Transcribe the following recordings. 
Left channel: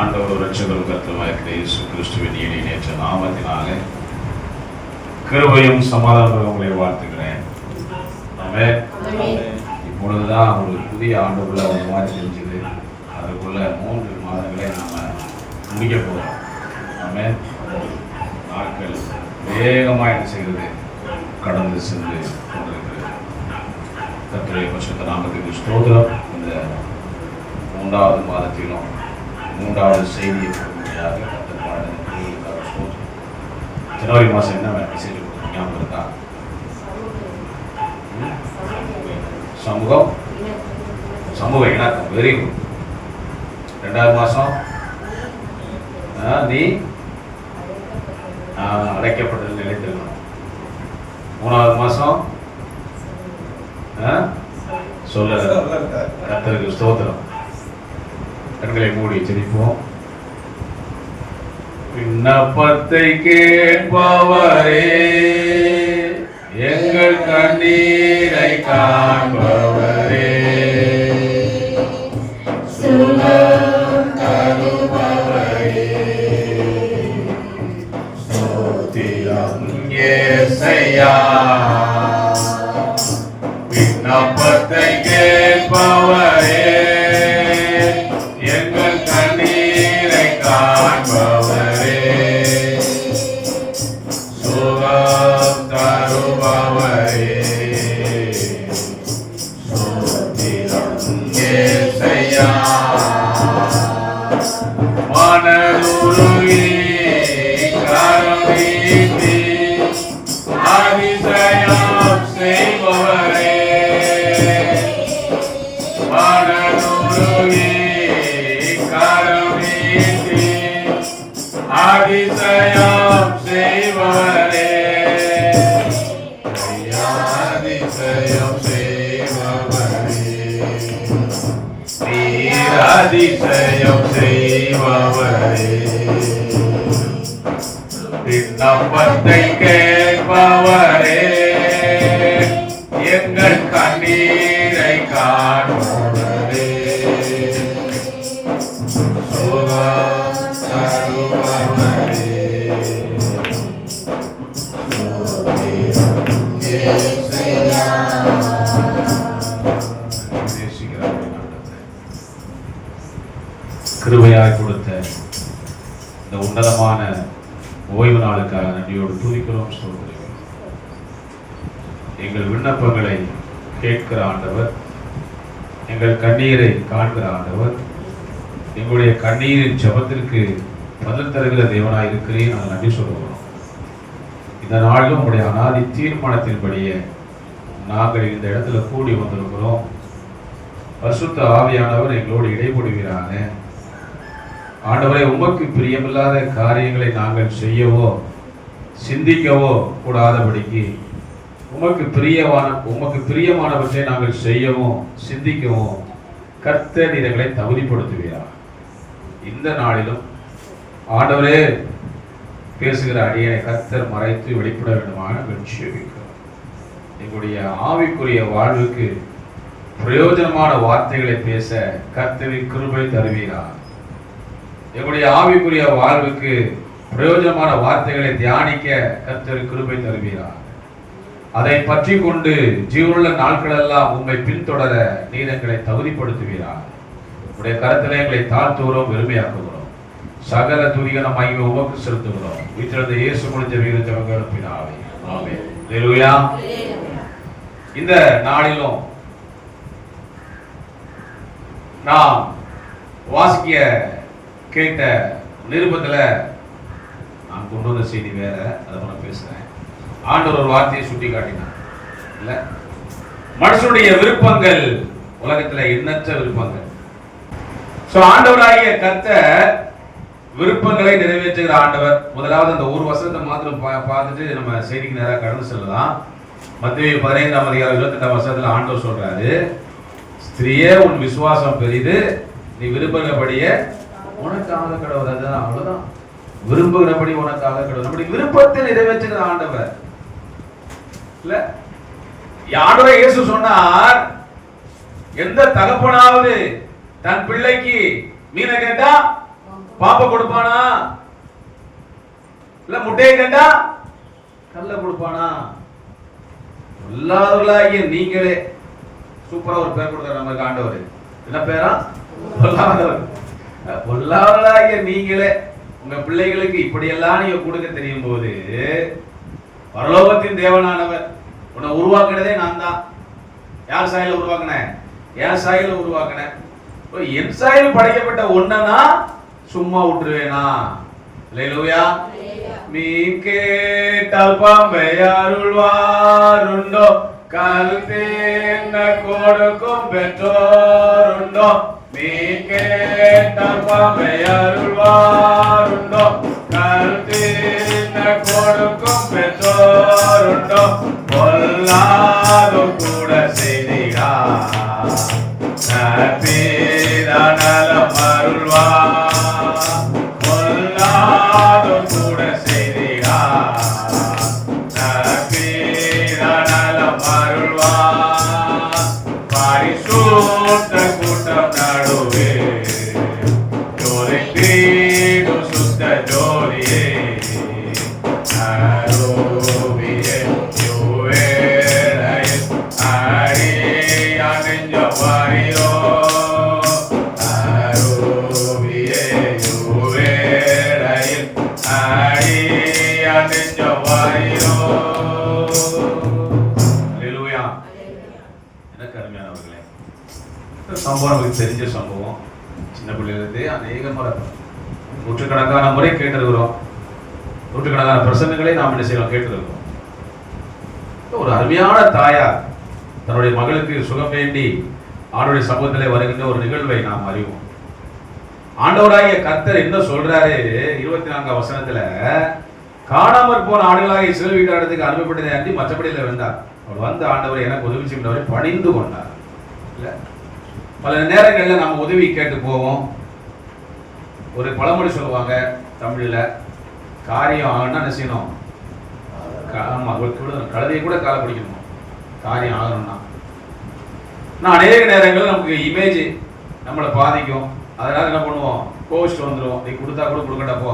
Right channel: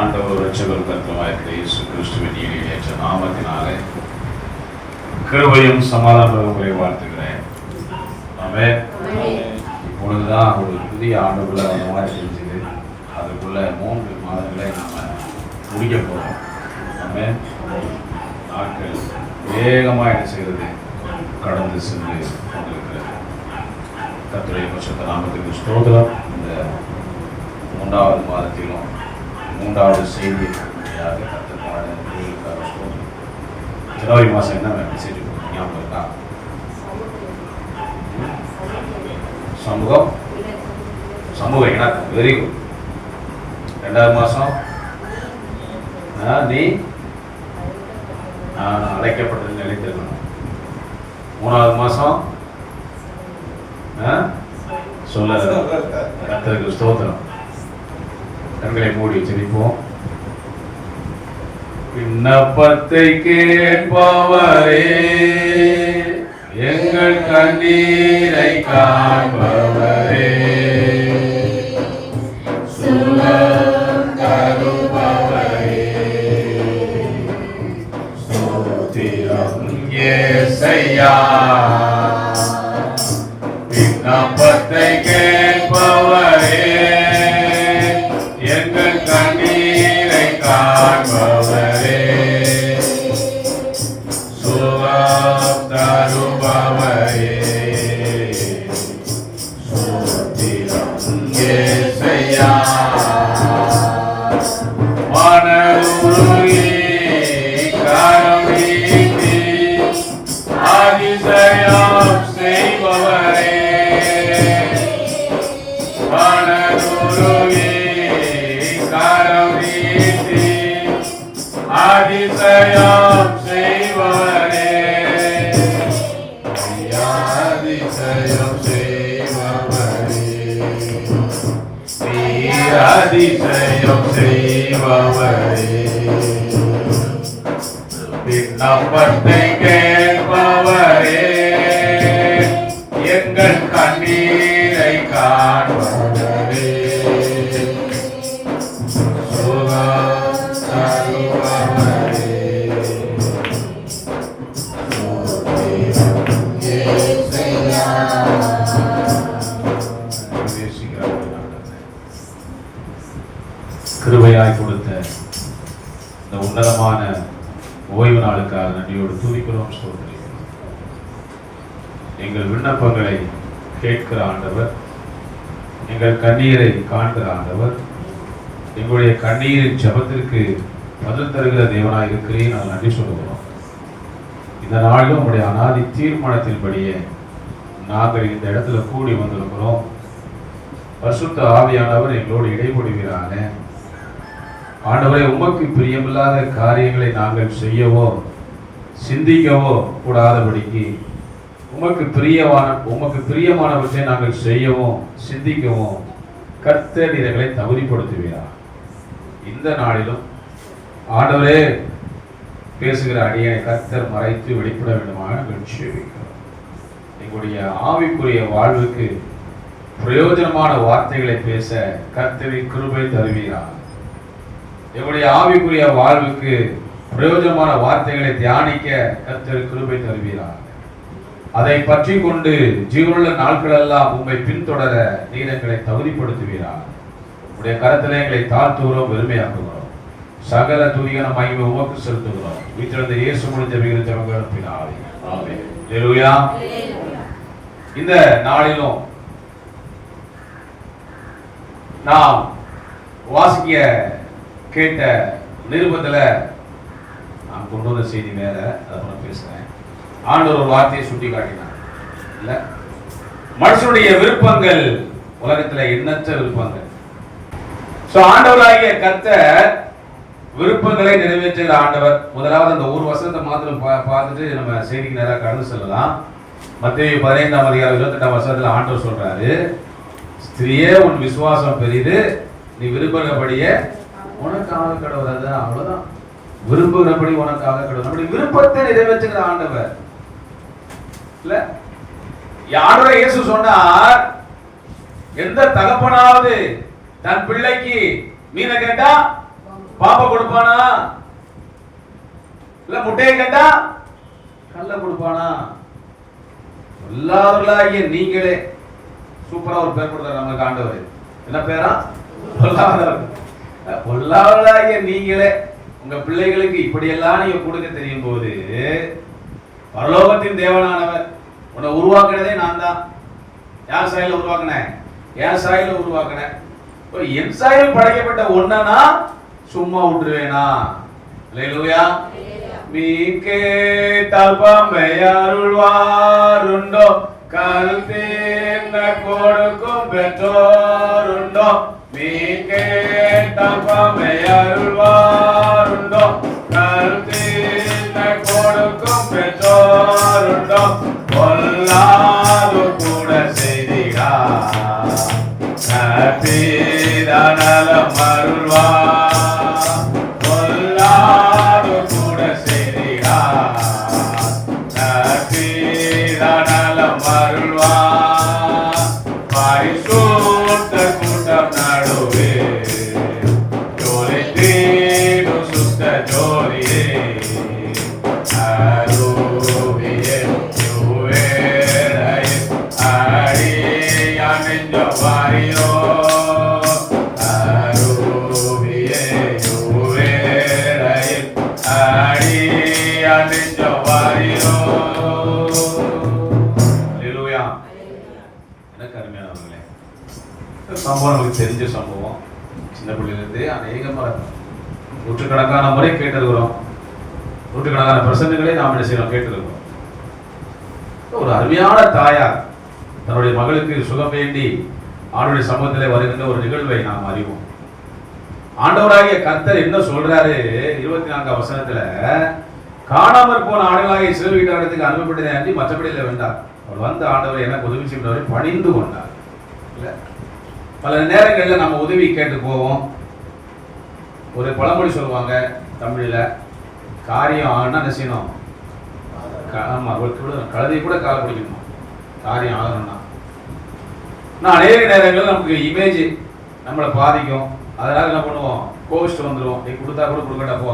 ஆண்டவர் இரட்சகரும் கர்த்தருமாகிய இயேசு கிறிஸ்துவின் இணையற்ற நாமத்தினாலே கிருபையும் சமாதானமும் உங்களை வாழ்த்துகிறேன். ஆமென். இப்பொழுதுதான் ஒரு புதிய ஆண்டுக்குள்ள ஒரு மாதிரி தெரிஞ்சுது. அதுக்குள்ள 3 மாதங்களை நாம முடிக்க போறோம். ஆமென். நாட்கள் வேகமாக என்ன செய்கிறது, கடந்து சென்று கொண்டிருக்கிறது. கர்த்தருடைய பரிசுத்த நாமத்துக்கு ஸ்தோத்திரம். இந்த 3வது மாதத்திலும் 3வது செய்தி ஜனவரி மாதம் என்ன மெசேஜ் ஞாபகம் இருக்கா? சமூகம் சமூக இணக்கம். Very good. 2வது மாதம் நீ அழைக்கப்பட்டது நிலைத்திருக்கணும். 3வது மாதம் சொல்ல கர்த்தருக்கு ஸ்தோத்திரம். கண்களை மூடி ஜெபிப்போம். விண்ணப்பத்தை கேட்பவரே, எங்கள் கண்ணீரை காண்பவரே, சுகம் தருபவரே, ஸ்தோத்திரம் இயேசையா. விண்ணப்பத்தை கேட்பவரே, எங்கள் கண்ணீரை காண்பவரே, சுகம் தருபவரே, ஸ்தோத்திரம் இயேசையா. மனதுருகி கரம் நீட்டி அதிசயம் செய்பவரே, மனதுருகி அதிசயம் செய்வரே, அதிசயம் செய்பவரே, நீர் அதிசயம் செய்பவரே. விண்ணப்பத்தை கேட்பவரே, எங்கள் கண்ணீரை காண்பவரே, கிருபையாய் கொடுத்த இந்த உன்னதமான ஓய்வு நாளுக்காக நன்றியோடு துதிக்கிறோம். சொல்கிறோம். எங்கள் விண்ணப்பங்களை கேட்கிற ஆண்டவர், எங்கள் கண்ணீரை காண்கிற ஆண்டவர், எங்களுடைய கண்ணீரின் ஜெபத்திற்கு பதில் தருகிற தேவனாய் இருக்கிறேன். நான் நன்றி சொல்லுகிறோம். இந்த நாளிலும் உங்களுடைய அநாதி தீர்மானத்தின்படியே நாங்கள் இந்த இடத்துல கூடி வந்திருக்கிறோம். பரிசுத்த ஆவியானவர் எங்களோடு இடைபடுகிறாங்க. ஆண்டவரை, உமக்கு பிரியமில்லாத காரியங்களை நாங்கள் செய்யவோ சிந்திக்கவோ கூடாதபடிக்கு உமக்கு பிரியமானவற்றை நாங்கள் செய்யவும் சிந்திக்கவும் கர்த்தர் எங்களை தகுதிப்படுத்துகிறார். இந்த நாளிலும் ஆண்டவரே பேசுகிற அடியை கர்த்தர் மறைத்து வெளிப்பட வேண்டுமாக ஜெபிக்கிறோம். எங்களுடைய ஆவிக்குரிய வாழ்வுக்கு பிரயோஜனமான வார்த்தைகளை பேச கர்த்தரின் கிருபை தருவீராக. எங்களுடைய ஆவிக்குரிய வாழ்வுக்கு பிரயோஜனமான வார்த்தைகளை தியானிக்க கர்த்தர் கிருபை தருவீராக. அதை பற்றி கொண்டு ஜீவனுள்ள நாட்களெல்லாம் உம்மை பின்தொடர நீர் எங்களை தகுதிப்படுத்துவீராக. உடைய கரத்திலே எங்களை தாழ்த்துகிறோம், பெருமையாக்குகிறோம். சகல துதிகன மகிமை உமக்கு செலுத்துகிறோம். வீட்டிலிருந்து இயேசு முடிஞ்ச வீரத்தின் ஆமென். ஹல்லேலூயா. இந்த நாளிலும் நாம் வாசிக்க கேட்ட நிருபத்துல நான் கொண்டு வந்த செய்தி வேற, அதை நான் பேசுறேன். ஆண்டவர் ஒரு வார்த்தையை சுட்டி காட்டினார். இல்ல, மனுஷனுடைய விருப்பங்கள் உலகத்துல எண்ணற்ற விருப்பங்கள். ஆண்டவராகிய கர்த்தர் விருப்பங்களை நிறைவேற்றுகிற ஆண்டவர். முதலாவது அந்த ஒரு வசனத்தை மாத்திரம் பார்த்துட்டு நம்ம செய்திக்கு நேராக கடந்து செல்லலாம். மத்தேயு 15ஆம் அதிகாரம் 28ஆம் வசனத்துல ஆண்டவர் சொல்றாரு, ஸ்திரியே உன் விசுவாசம் பெரிது, நீ விரும்புகிறபடியே உனக்காக கடவுள். அவ்வளவுதான். விரும்புகிறபடி உனக்காக கடவுள். நம்முடைய விருப்பத்தை நிறைவேற்றுகிற ஆண்டவர். இல்ல, யாருடைய இயேசு சொன்னார், எந்த தகப்பனாவது தன் பிள்ளைக்கு மீனை கேட்டா பாப்ப கொடுப்பானா? இல்ல முட்டையை கண்டா கல்ல கொடுப்பானா? பொல்லாதவர்களாகிய நீங்களே. சூப்பரா ஒரு பேர் கொடுத்தார் நமக்கு ஆண்டவர். என்ன பேரா? பொல்லாதவர். பொல்லாதவர்களாகிய நீங்களே உங்க பிள்ளைகளுக்கு இப்படியெல்லாம் நீங்க கொடுக்க தெரியும் போது, பரலோகத்தின் தேவனானவர் உன்னை உருவாக்குனதே நான் தான். யார் சாயல உருவாக்குனேன்? என் சாயல உருவாக்குனேன். என் சாயல் படைக்கப்பட்ட ஒன்னா சும்மா விட்டுருவேனா? அல்லேலூயா. நீ கேட்டால் பாம்பை அருள்வாருண்டோ, கருத்தேன்ன கொடுக்கும் பெற்றோருண்டோ. நீ கேட்டால் பாம்பை அருள்வாருண்டோ, கருத்தேன்ன கொடுக்கும் பெற்றோருண்டோ. பொல்லாதோ கூட செய்தியார் நலம் அருள்வார். பொல்லாதோ கூட செய்தியார் நலம் அருள்வார். பரிசுத்த கூட்டம் நடுவே ஜோதி தீடும் சுத்த ஜோதியே அருவியே யுவேரை அடியா நெஞ்ச வாரியோ. அருவியே யுவேரை அடியா நெஞ்ச வாரியோ. அல்லேலூயா. எனக்கு அருமையானவர்களே, சம்பவம் நமக்கு தெரிஞ்ச சம்பவம். சின்ன பிள்ளையிலிருந்து அநேக முறை நூற்றுக்கணக்கான முறை கேட்டிருக்கிறோம். நூற்றுக்கணக்கான பிரசங்கங்களை நாம் என்ன செய்யறோம்? கேட்டிருக்கிறோம். ஒரு அருமையான தாயார் தன்னுடைய மகளுக்கு சுகம் வேண்டி ஆண்டவருடைய சமூகத்திலே வருகின்ற ஒரு நிகழ்வை நாம் அறிவோம். ஆண்டவராகிய கர்த்தர் என்ன சொல்றாரு? 24ஆம் வசனத்துல, காணாமற் போன ஆடுகளாக இஸ்ரவேல் வீட்டாரத்துக்கு அனுப்பப்பட்டதை அன்றி மற்றபடியில் வந்தார். அவர் வந்து ஆண்டவர் எனக்கு உதவி செய்கிறவரை பணிந்து கொண்டார். இல்ல, பல நேரங்களில் நம்ம உதவி கேட்டு போவோம். ஒரு பழமொழி சொல்லுவாங்க தமிழில், காரியம் ஆகணும்னா என்ன செய்யணும்? ஆமா, கழுதையை கூட காலை பிடிக்கணும் காரியம் ஆகணும்னா. ஆனால் அநேக நேரங்கள் நமக்கு இமேஜ் நம்மளை பாதிக்கும். அதனால என்ன பண்ணுவோம்? கோவிச்சுட்டு வந்துடுவோம். நீ கொடுத்தா கூட கொடுக்கட்டா போ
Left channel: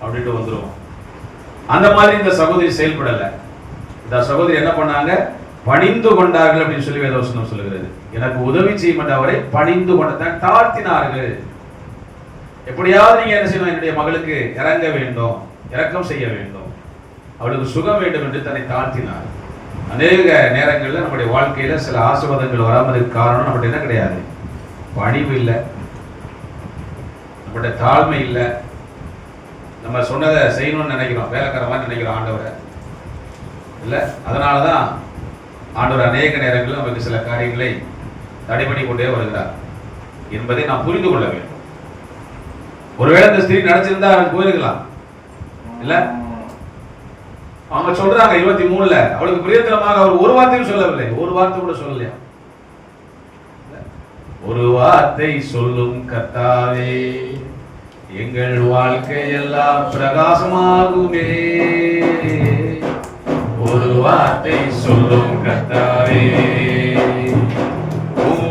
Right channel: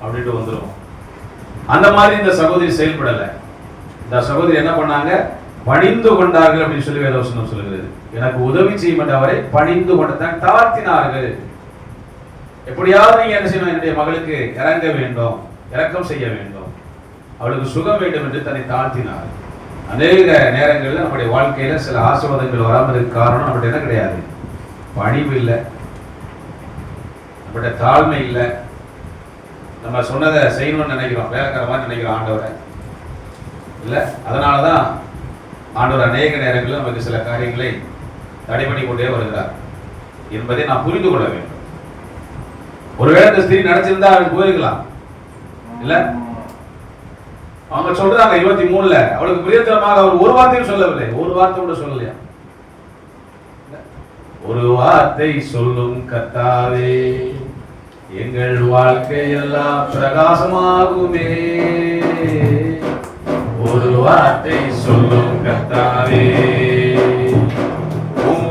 அப்படின்ட்டு வந்துடுவோம். அந்த மாதிரி இந்த சகோதரி செயல்படலை. இந்த சகோதரி என்ன பண்ணாங்க? பணிந்து கொண்டார்கள் அப்படின்னு சொல்லி வேதவசனம் சொல்லுகிறது. எனக்கு உதவி செய்யும் அவரை பணிந்து கொண்டதான் தாழ்த்தினார்கள். எப்படியாவது நீங்க என்ன செய்யணும்? என்னுடைய மகளுக்கு இறங்க வேண்டும், இரக்கம் செய்ய வேண்டும், அவளுக்கு சுகம் வேண்டும் என்று தன்னை தாழ்த்தினார். அநேக நேரங்களில் நம்முடைய வாழ்க்கையில சில ஆசீர்வாதங்கள் வராமல் இருக்க காரணம் நம்மகிட்ட என்ன கிடையாது? பணிவு இல்லை, நம்மகிட்ட தாழ்மை இல்லை. நம்ம சொன்னதை செய்யணும்னு நினைக்கிறோம், வேலைக்கார மாதிரி நினைக்கிறோம் ஆண்டவரை இல்லை. அதனாலதான் ஆண்டவர் அநேக நேரங்களில் நமக்கு சில காரியங்களை தடை பண்ணி கொண்டே வருகிறார் என்பதை நாம் புரிந்து கொள்ள வேண்டும். ஒருவேளை இந்த ஸ்திரீ நினைச்சிருந்தா அவளுக்கு போயிருக்கலாம் இல்ல. அவங்க சொல்றாங்க 23ல அவளுக்கு பிரியத்தனமாக அவர் ஒரு வார்த்தையும் சொல்லவில்லை, ஒரு வார்த்தை கூட சொல்லலையா? ஒரு வார்த்தை சொல்லும் கர்த்தாவே, எங்கள் வாழ்க்கை எல்லாம் பிரகாசமாகுமே. ஒரு வார்த்தை சொல்லும் கர்த்தாவே,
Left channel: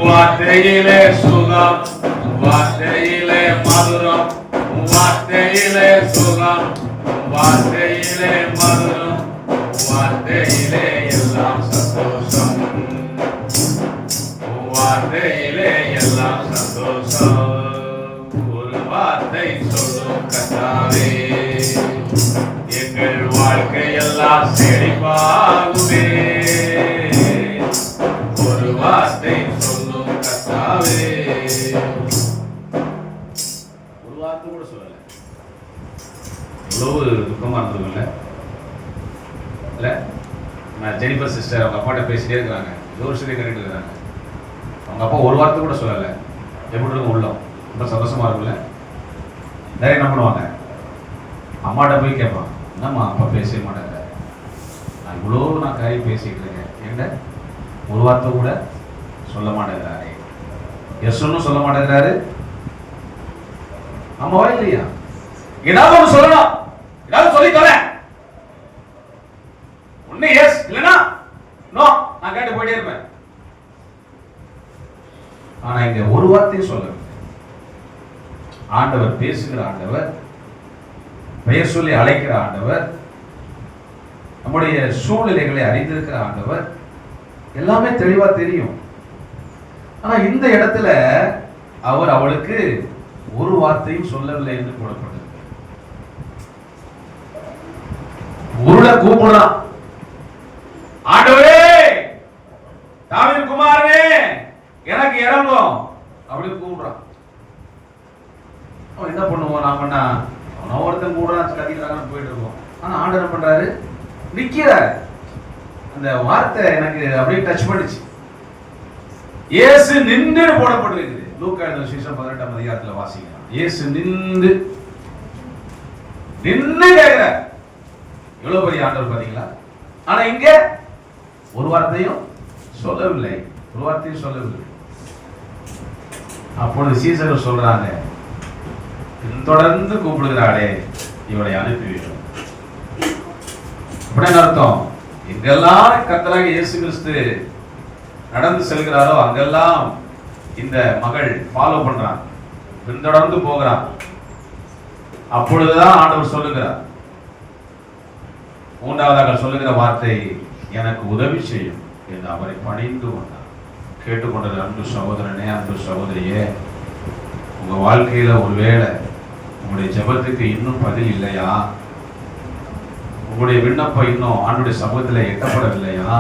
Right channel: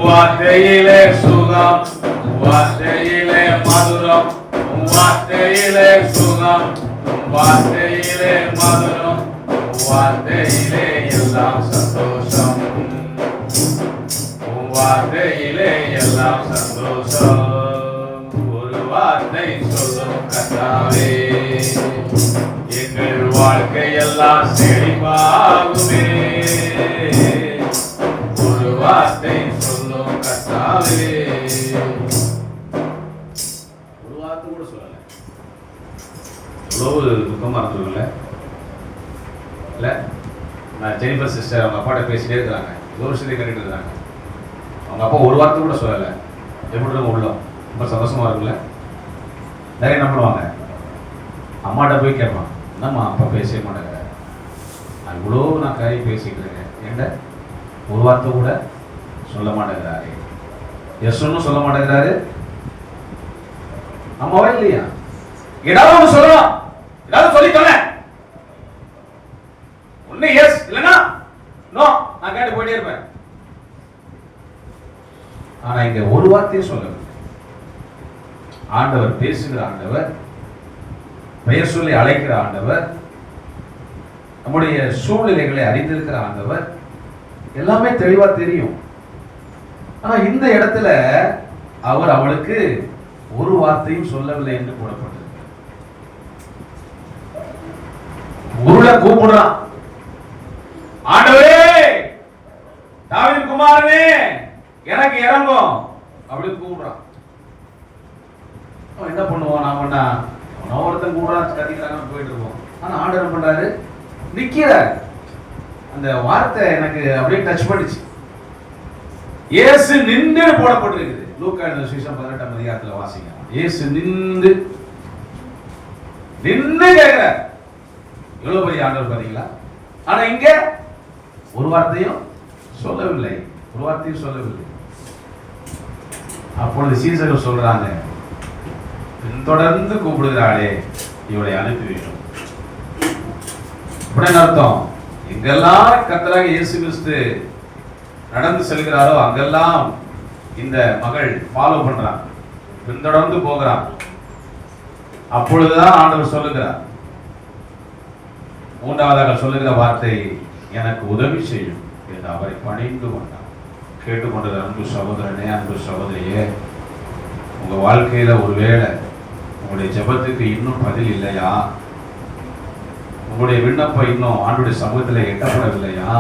வார்த்தையிலே சுகம், வார்த்தையிலே மதுரம், வார்த்தையிலே சுகம், வார்த்தையிலே மதுரம், வார்த்தையிலே எல்லாம் சந்தோஷம், வார்த்தையிலே எல்லாம் சந்தோஷம். ஒரு வார்த்தை சொல்லும் கர்த்தாவே, எங்கள் வாழ்க்கை எல்லாம் செழிப்பாகுமே. ஒரு வார்த்தை சொல்லும் கர்த்தாவே. ஒரு வார்த்தை கூட சொல்லல. எவ்வளவு துக்கமா இருந்ததுல்ல இல்ல. நான் ஜெனிஃபர் சிஸ்டர் அவங்க அப்பாட்ட பேசிட்டே இருக்கிறாங்க, ஏதோ ஒரு விஷயத்தை கேட்டுட்டு இருக்கிறாங்க. அவங்க அப்பா ஒரு வார்த்தை கூட சொல்லலை. எப்படி இருக்கும் உள்ளம்? ரொம்ப சந்தோஷமா இருக்குல்ல. நிறைய என்ன பண்ணுவாங்க? அம்மாட்ட போய் கேட்பான், என்னம்மா அப்பா பேசவே மாட்டாங்க, இவ்வளோ நான் காரியம் பேசிக்கிறேங்க, எங்க ஒரு வார்த்தை கூட சொல்ல மாட்டேங்கிறாரு. எஸ் ஒன்னும் சொல்ல மாட்டேங்கிறாரு. அம்மாவா இல்லையா? ஏதாவது ஒன்று சொல்லலாம், ஏதாவது சொல்லித்தோல ஒண்ணு எஸ் இல்லைன்னா நோ, நான் கேட்டு போயிட்டே இருப்பேன். ஆனா இங்க ஒரு வார்த்தையும் சொல்லல. ஆண்டவர் பேசுகிற ஆண்டவர், பெயர் சொல்லி அழைக்கிற ஆண்டவர், நம்முடைய சூழ்நிலைகளை அறிந்திருக்கிற ஆண்டவர், எல்லாமே தெளிவா தெரியும். ஆனா இந்த இடத்துல அவர் அவளுக்கு ஒரு வார்த்தையும் சொல்லவில்லை என்று கூறப்பட்டது. உருள கூப்பிடுறான், ஆண்டவரே தாவீது குமாரனே எனக்கு இறங்கும் அப்படி கூப்பிடுறான். என்ன பண்ணுவோம் நாம? அவன் ஒருத்தன் கூடுறான், கத்திக்கிறாங்க, போயிட்டு இருக்கோம். ஆனா ஆண்டவர் என்ன பண்றாரு? நிக்கிறார். அந்த வார்த்தை எனக்கு அப்படியே டச் பண்ணிச்சு. இயேசு நின்று போடப்பட்டிருக்குது. லூக்கா எழுதின சுவிசேஷம் 18ஆம் அதிகாரத்துல வாசிங்க. இயேசு நின்று கேட்கிறார். எவ்வளவு பெரிய ஆண்டவர் பாத்தீங்களா? ஆனா இங்க ஒரு வார்த்தையும் சொல்லவில்லை, ஒரு வார்த்தையும் சொல்லவில்லை. அப்பொழுது சீசர்கள் சொல்றாங்க, தொடர்ந்து கூப்பிடுகிறாளே, இவளை அனுப்பிவிட்டோம். அப்படின்னு அர்த்தம், எங்கெல்லாம் கர்த்தராகிய இயேசு கிறிஸ்து நடந்து செல்கிறாரோ அங்கெல்லாம் இந்த மகள் ஃபாலோ பண்றான், பின்தொடர்ந்து போகிறான். அப்பொழுதுதான் ஆண்டவர் சொல்லுகிறார், மூன்றாவதாக சொல்லுகிற வார்த்தை, எனக்கு உதவி செய்யும் என்று அவரை பணிந்து கொண்டார். கேட்டுக்கொண்டது அன்பு சகோதரனே, அன்பு சகோதரியே, உங்க வாழ்க்கையில ஒருவேளை உங்களுடைய ஜெபத்துக்கு இன்னும் பதில் இல்லையா? உங்களுடைய விண்ணப்பம் இன்னும் ஆண்டுடைய சமூகத்தில் எட்டப்படவில்லையா?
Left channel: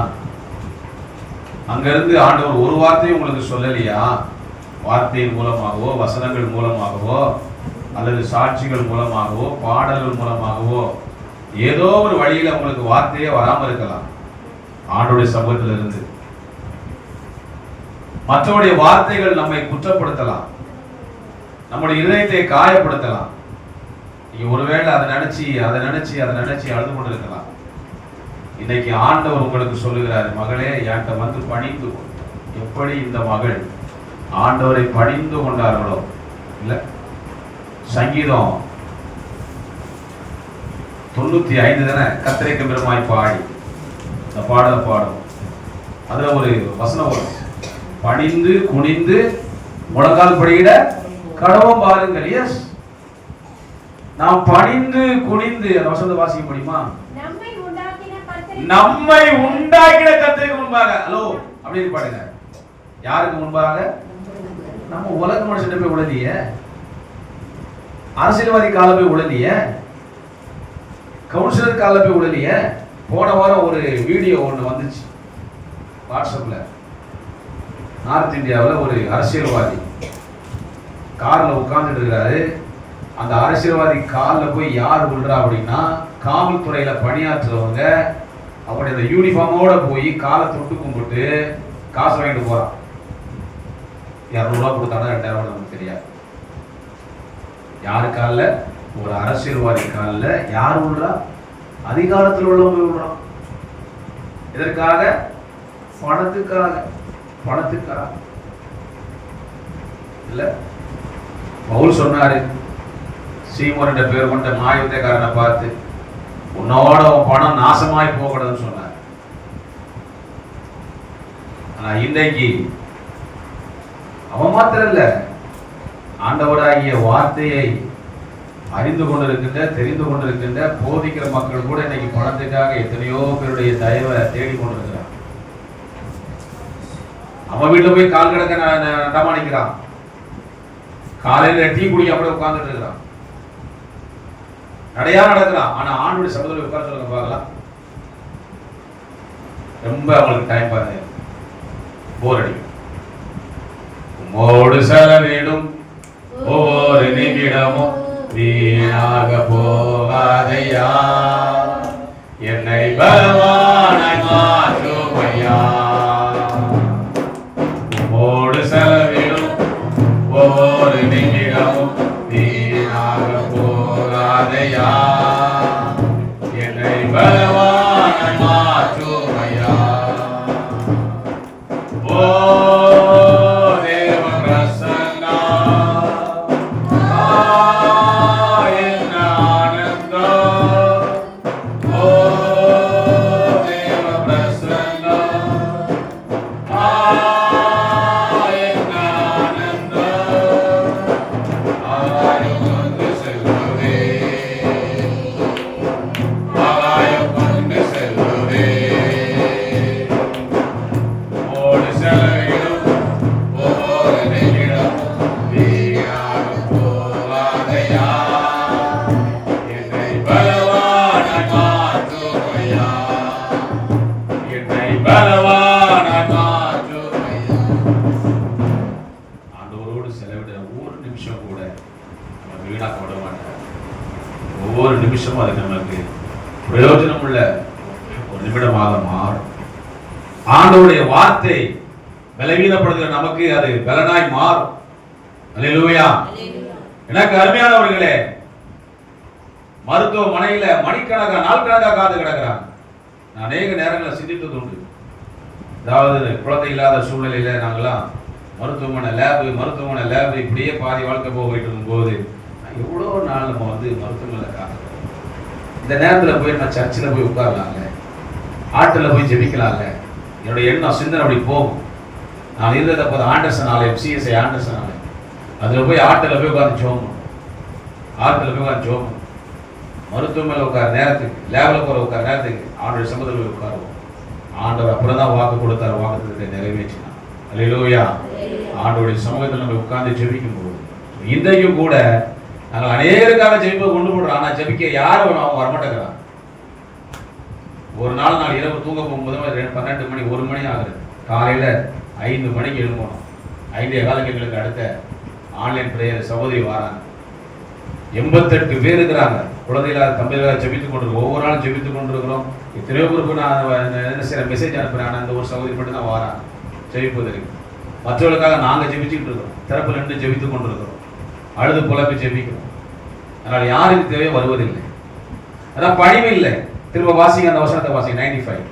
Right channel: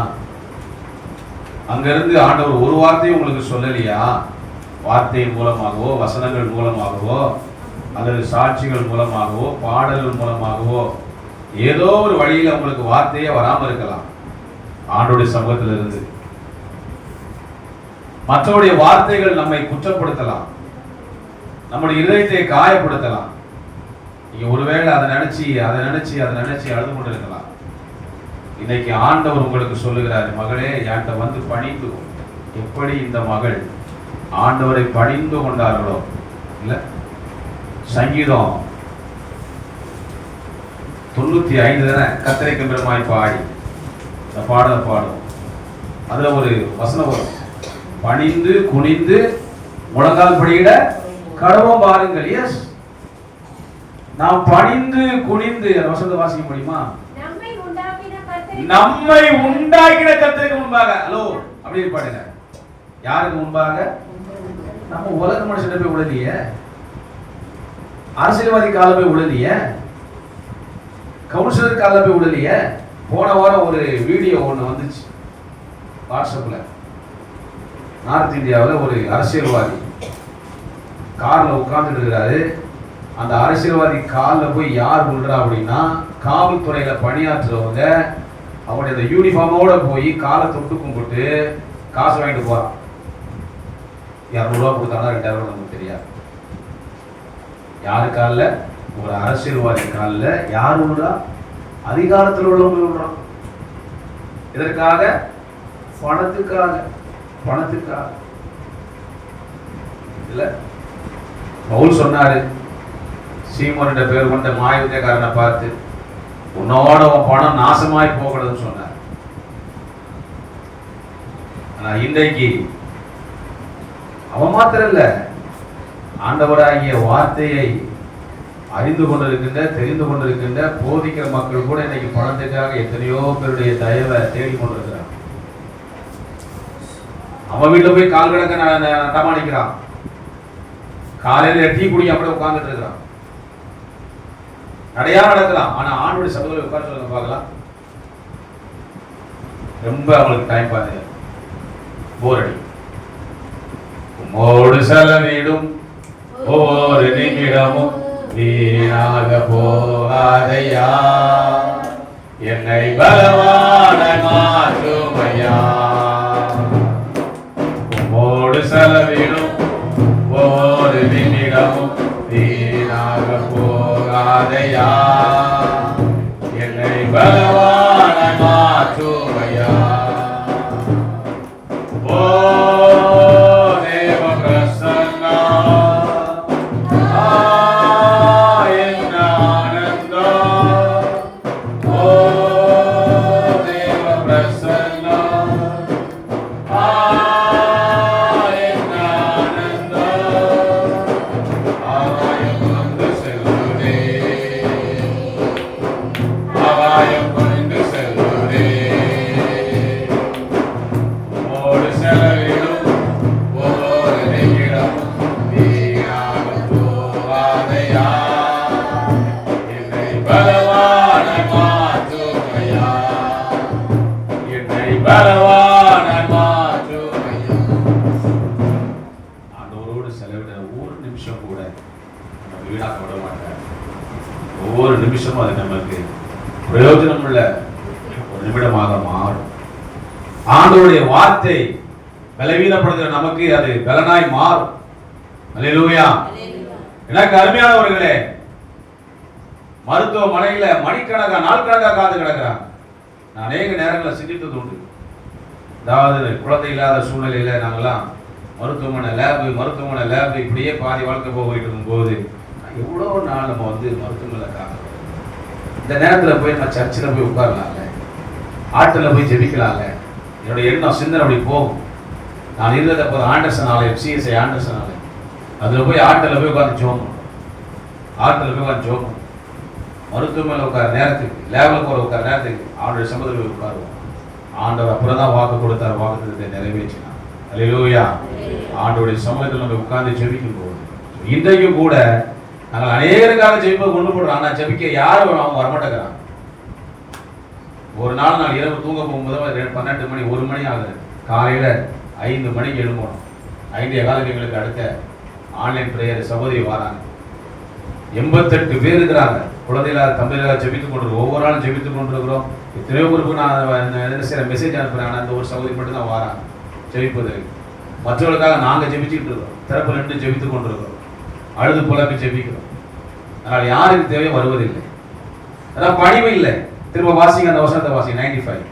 அங்கிருந்து ஆண்டவர் ஒரு வார்த்தையும் உங்களுக்கு சொல்லலையா? வார்த்தையின் மூலமாகவோ, வசனங்கள் மூலமாகவோ, அல்லது சாட்சிகள் மூலமாகவோ, பாடல்கள் மூலமாகவோ, ஏதோ ஒரு வழியில உங்களுக்கு வார்த்தையே வராமல் இருக்கலாம். ஆண்டவருடைய சமூகத்தில் இருந்து மற்றவருடைய வார்த்தைகள் நம்மை குற்றப்படுத்தலாம், நம்முடைய இதயத்தை காயப்படுத்தலாம். நீங்க ஒருவேளை அதை நினைச்சு அழுது கொண்டிருக்கலாம். இன்னைக்கு ஆண்டவர் உங்களுக்கு சொல்லுகிறார், மகளே என்கிட்ட வந்து பணிந்து கொள். எப்படி இந்த மகள் ஆண்டவரை பணிந்து கொண்டார்களோ, இல்ல சங்கீதம் 95 தானே, கர்த்தருக்கு பெருமாய் பாடி இந்த பாடலை பாடும். அதுல ஒரு வசனம் வரும், பணிந்து குனிந்து முழங்கால் படியிட கடவும் பாருங்கள். எஸ், நாம் பணிந்து குனிந்து, அந்த வசனத்தை வாசிக்க முடியுமா? நம்மை உண்டாக்கின கர்த்தருக்கு முன்பாக. ஹலோ, அப்படியே பாடுங்க. யாருக்கு முன்பாக? நம்ம உலக மனுஷன் போய் உடலிய, அரசியல்வாதி கால போய் உடலிய, கவுன்சிலர் கால போய் உடலிய. போன வாரம் ஒரு வீடியோ ஒன்று வந்துச்சு வாட்ஸ்அப்ல. நார்த் இந்தியாவில் ஒரு அரசியல்வாதி கார்ல உட்கார்ந்துட்டு இருக்கிறாரு. அந்த அரசியல்வாதி காலில் போய் யார் விழுறா அப்படின்னா, காவல்துறையில பணியாற்றுறவங்க அவங்களுடைய அந்த யூனிஃபார்மோட போய் காலை தொட்டு கும்பிட்டு காசு வாங்கிட்டு போறான். 200 ரூபா கொடுத்தானா 2000 ரூபா நமக்கு தெரியாது. யாரு காலில்? ஒரு அரசியல்வாதி காலில் யார் விழுறா? அதிகாரத்தில் உள்ளவங்க விழுறான். இதற்காக பணத்துக்காக இல்ல. பவுல் சொன்னாரு, சீமோன் பேர் கொண்ட மாயுத்தக்காரனை பார்த்து, உன்னோட உன் பணம் நாசமாய் போகணும்னு சொன்னார். ஆனா இன்றைக்கு அவன் மாத்திரம் இல்ல, ஆண்டவராகிய வார்த்தையை அறிந்து கொண்டிருக்கின்ற, தெரிந்து கொண்டிருக்கின்ற, போதிக்கிற மக்கள் கூட இன்னைக்கு பணத்துக்காக எத்தனையோ பேருடைய தயவை தேடி கொண்டிருக்கிறார். அவன் வீட்டுல போய் கால் கிடக்க நடமாடிக்கிறான், காலையில டீ குடி அப்படியே உட்கார்ந்துட்டு இருக்கிறான், நடையா நடக்கலாம். ஆனா ஆண்டுடைய சமூகத்தில் உட்கார்ந்து சொல்லுங்க பார்க்கலாம், ரொம்ப அவங்களுக்கு டைம் பாருங்க, போர் அடி. உம்மோடு செலவிடும் ஒவ்வொரு நிமிடமும் வீணாக போகாதையா, என்னை பலவான மாற்றுமையா. உம்மோடு செலவிடும் ஒவ்வொரு நிமிடமும் வீணாக போகாதையா, என்னை பலவான மாற்றுமையா. ஓ Oh, வீணாக்க விட மாட்டார். ஒவ்வொரு நிமிஷமும் அது நம்மளுக்கு பிரயோஜனம் உள்ள ஒரு நிமிடமாக மாறும். ஆண்டவருடைய வார்த்தை பலவீனப்படுகிற நமக்கு அது பலனாய் மாறும். அல்லேலூயா. எனக்கு அருமையானவர்களே, மருத்துவமனையில மணிக்கணக்கா நாள் கணக்கா காத்து கிடக்கிறாங்க. நான் அநேக நேரங்களில் சிந்தித்தது உண்டு. அதாவது குழந்தை இல்லாத சூழ்நிலையில நாங்கெல்லாம் மருத்துவமனை லேபு இப்படியே பாதி வாழ்க்கை போயிட்டு இருக்கும்போது எவ்வளோ நாள் நம்ம மருத்துவமனையில் காக்கிறோம். இந்த நேரத்தில் போய் நான் சர்ச்சில் போய் உட்காரலாம்ல, ஆட்டில் போய் ஜெபிக்கலாம்ல, என்னுடைய எண்ணம் சிந்தனை அப்படி போகும். நான் இருந்தது அப்போ ஆண்டர்சன் ஆலயம், சிஎஸ்ஐ ஆண்டர்சன் ஆலயம், அதில் போய் ஆட்டில் போய் உட்காந்து ஜோம், மருத்துவமனையில் உட்கார நேரத்துக்கு, லேபில் போகிற உட்கார நேரத்துக்கு ஆண்டவர் சமூகத்தில் போய் உட்காருவோம். ஆண்டவர் அப்புறம் தான் வாக்கு கொடுத்தார், வாக்குத்தத்தை நிறைவேற்றினார். அல்லேலூயா. ஆண்டவருடைய சமூகத்தில் நம்ம உட்கார்ந்து ஜெபிக்கும் போது இன்றைக்கும் கூட நாங்கள் அநேகருக்காக ஜெபிப்பை கொண்டு போடுறோம். ஆனால் ஜெபிக்க யாரும் அவங்க வரமாட்டேங்கிறாங்க. ஒரு நாள் இரவு தூங்க போகும்போது 12 மணி 1 மணி ஆகுது. காலையில் 5 மணிக்கு எழும்பணும். 5:15 எங்களுக்கு அடுத்த ஆன்லைன் பிரேயர் சகோதரி வராங்க. 88 பேர் இருக்கிறாங்க. குழந்தைகளாக தம்பிகளாக ஜெபித்துக் கொண்டிருக்கோம். ஒவ்வொரு நாளும் ஜெபித்துக் கொண்டிருக்கிறோம். எத்தனையோ பேருக்கு நான் என்ன செய்ய மெசேஜ் அனுப்புகிறேன். ஆனால் அந்த ஒரு சகோதரி மட்டும் தான் வராங்க ஜெபிப்பதற்கு. மற்றவர்களுக்காக நாங்கள் ஜெபிச்சுக்கிட்டு இருக்கோம். திறப்பு நின்று ஜெபித்துக் கொண்டிருக்கிறோம். அழுது புலப்பி ஜெபிக்கிறோம். அதனால் யாருக்கு தேவையோ வருவதில்லை. அதான் பணிவு இல்லை. திரும்ப வாசிங்க, அந்த வசனத்தை வாசிங்க. 95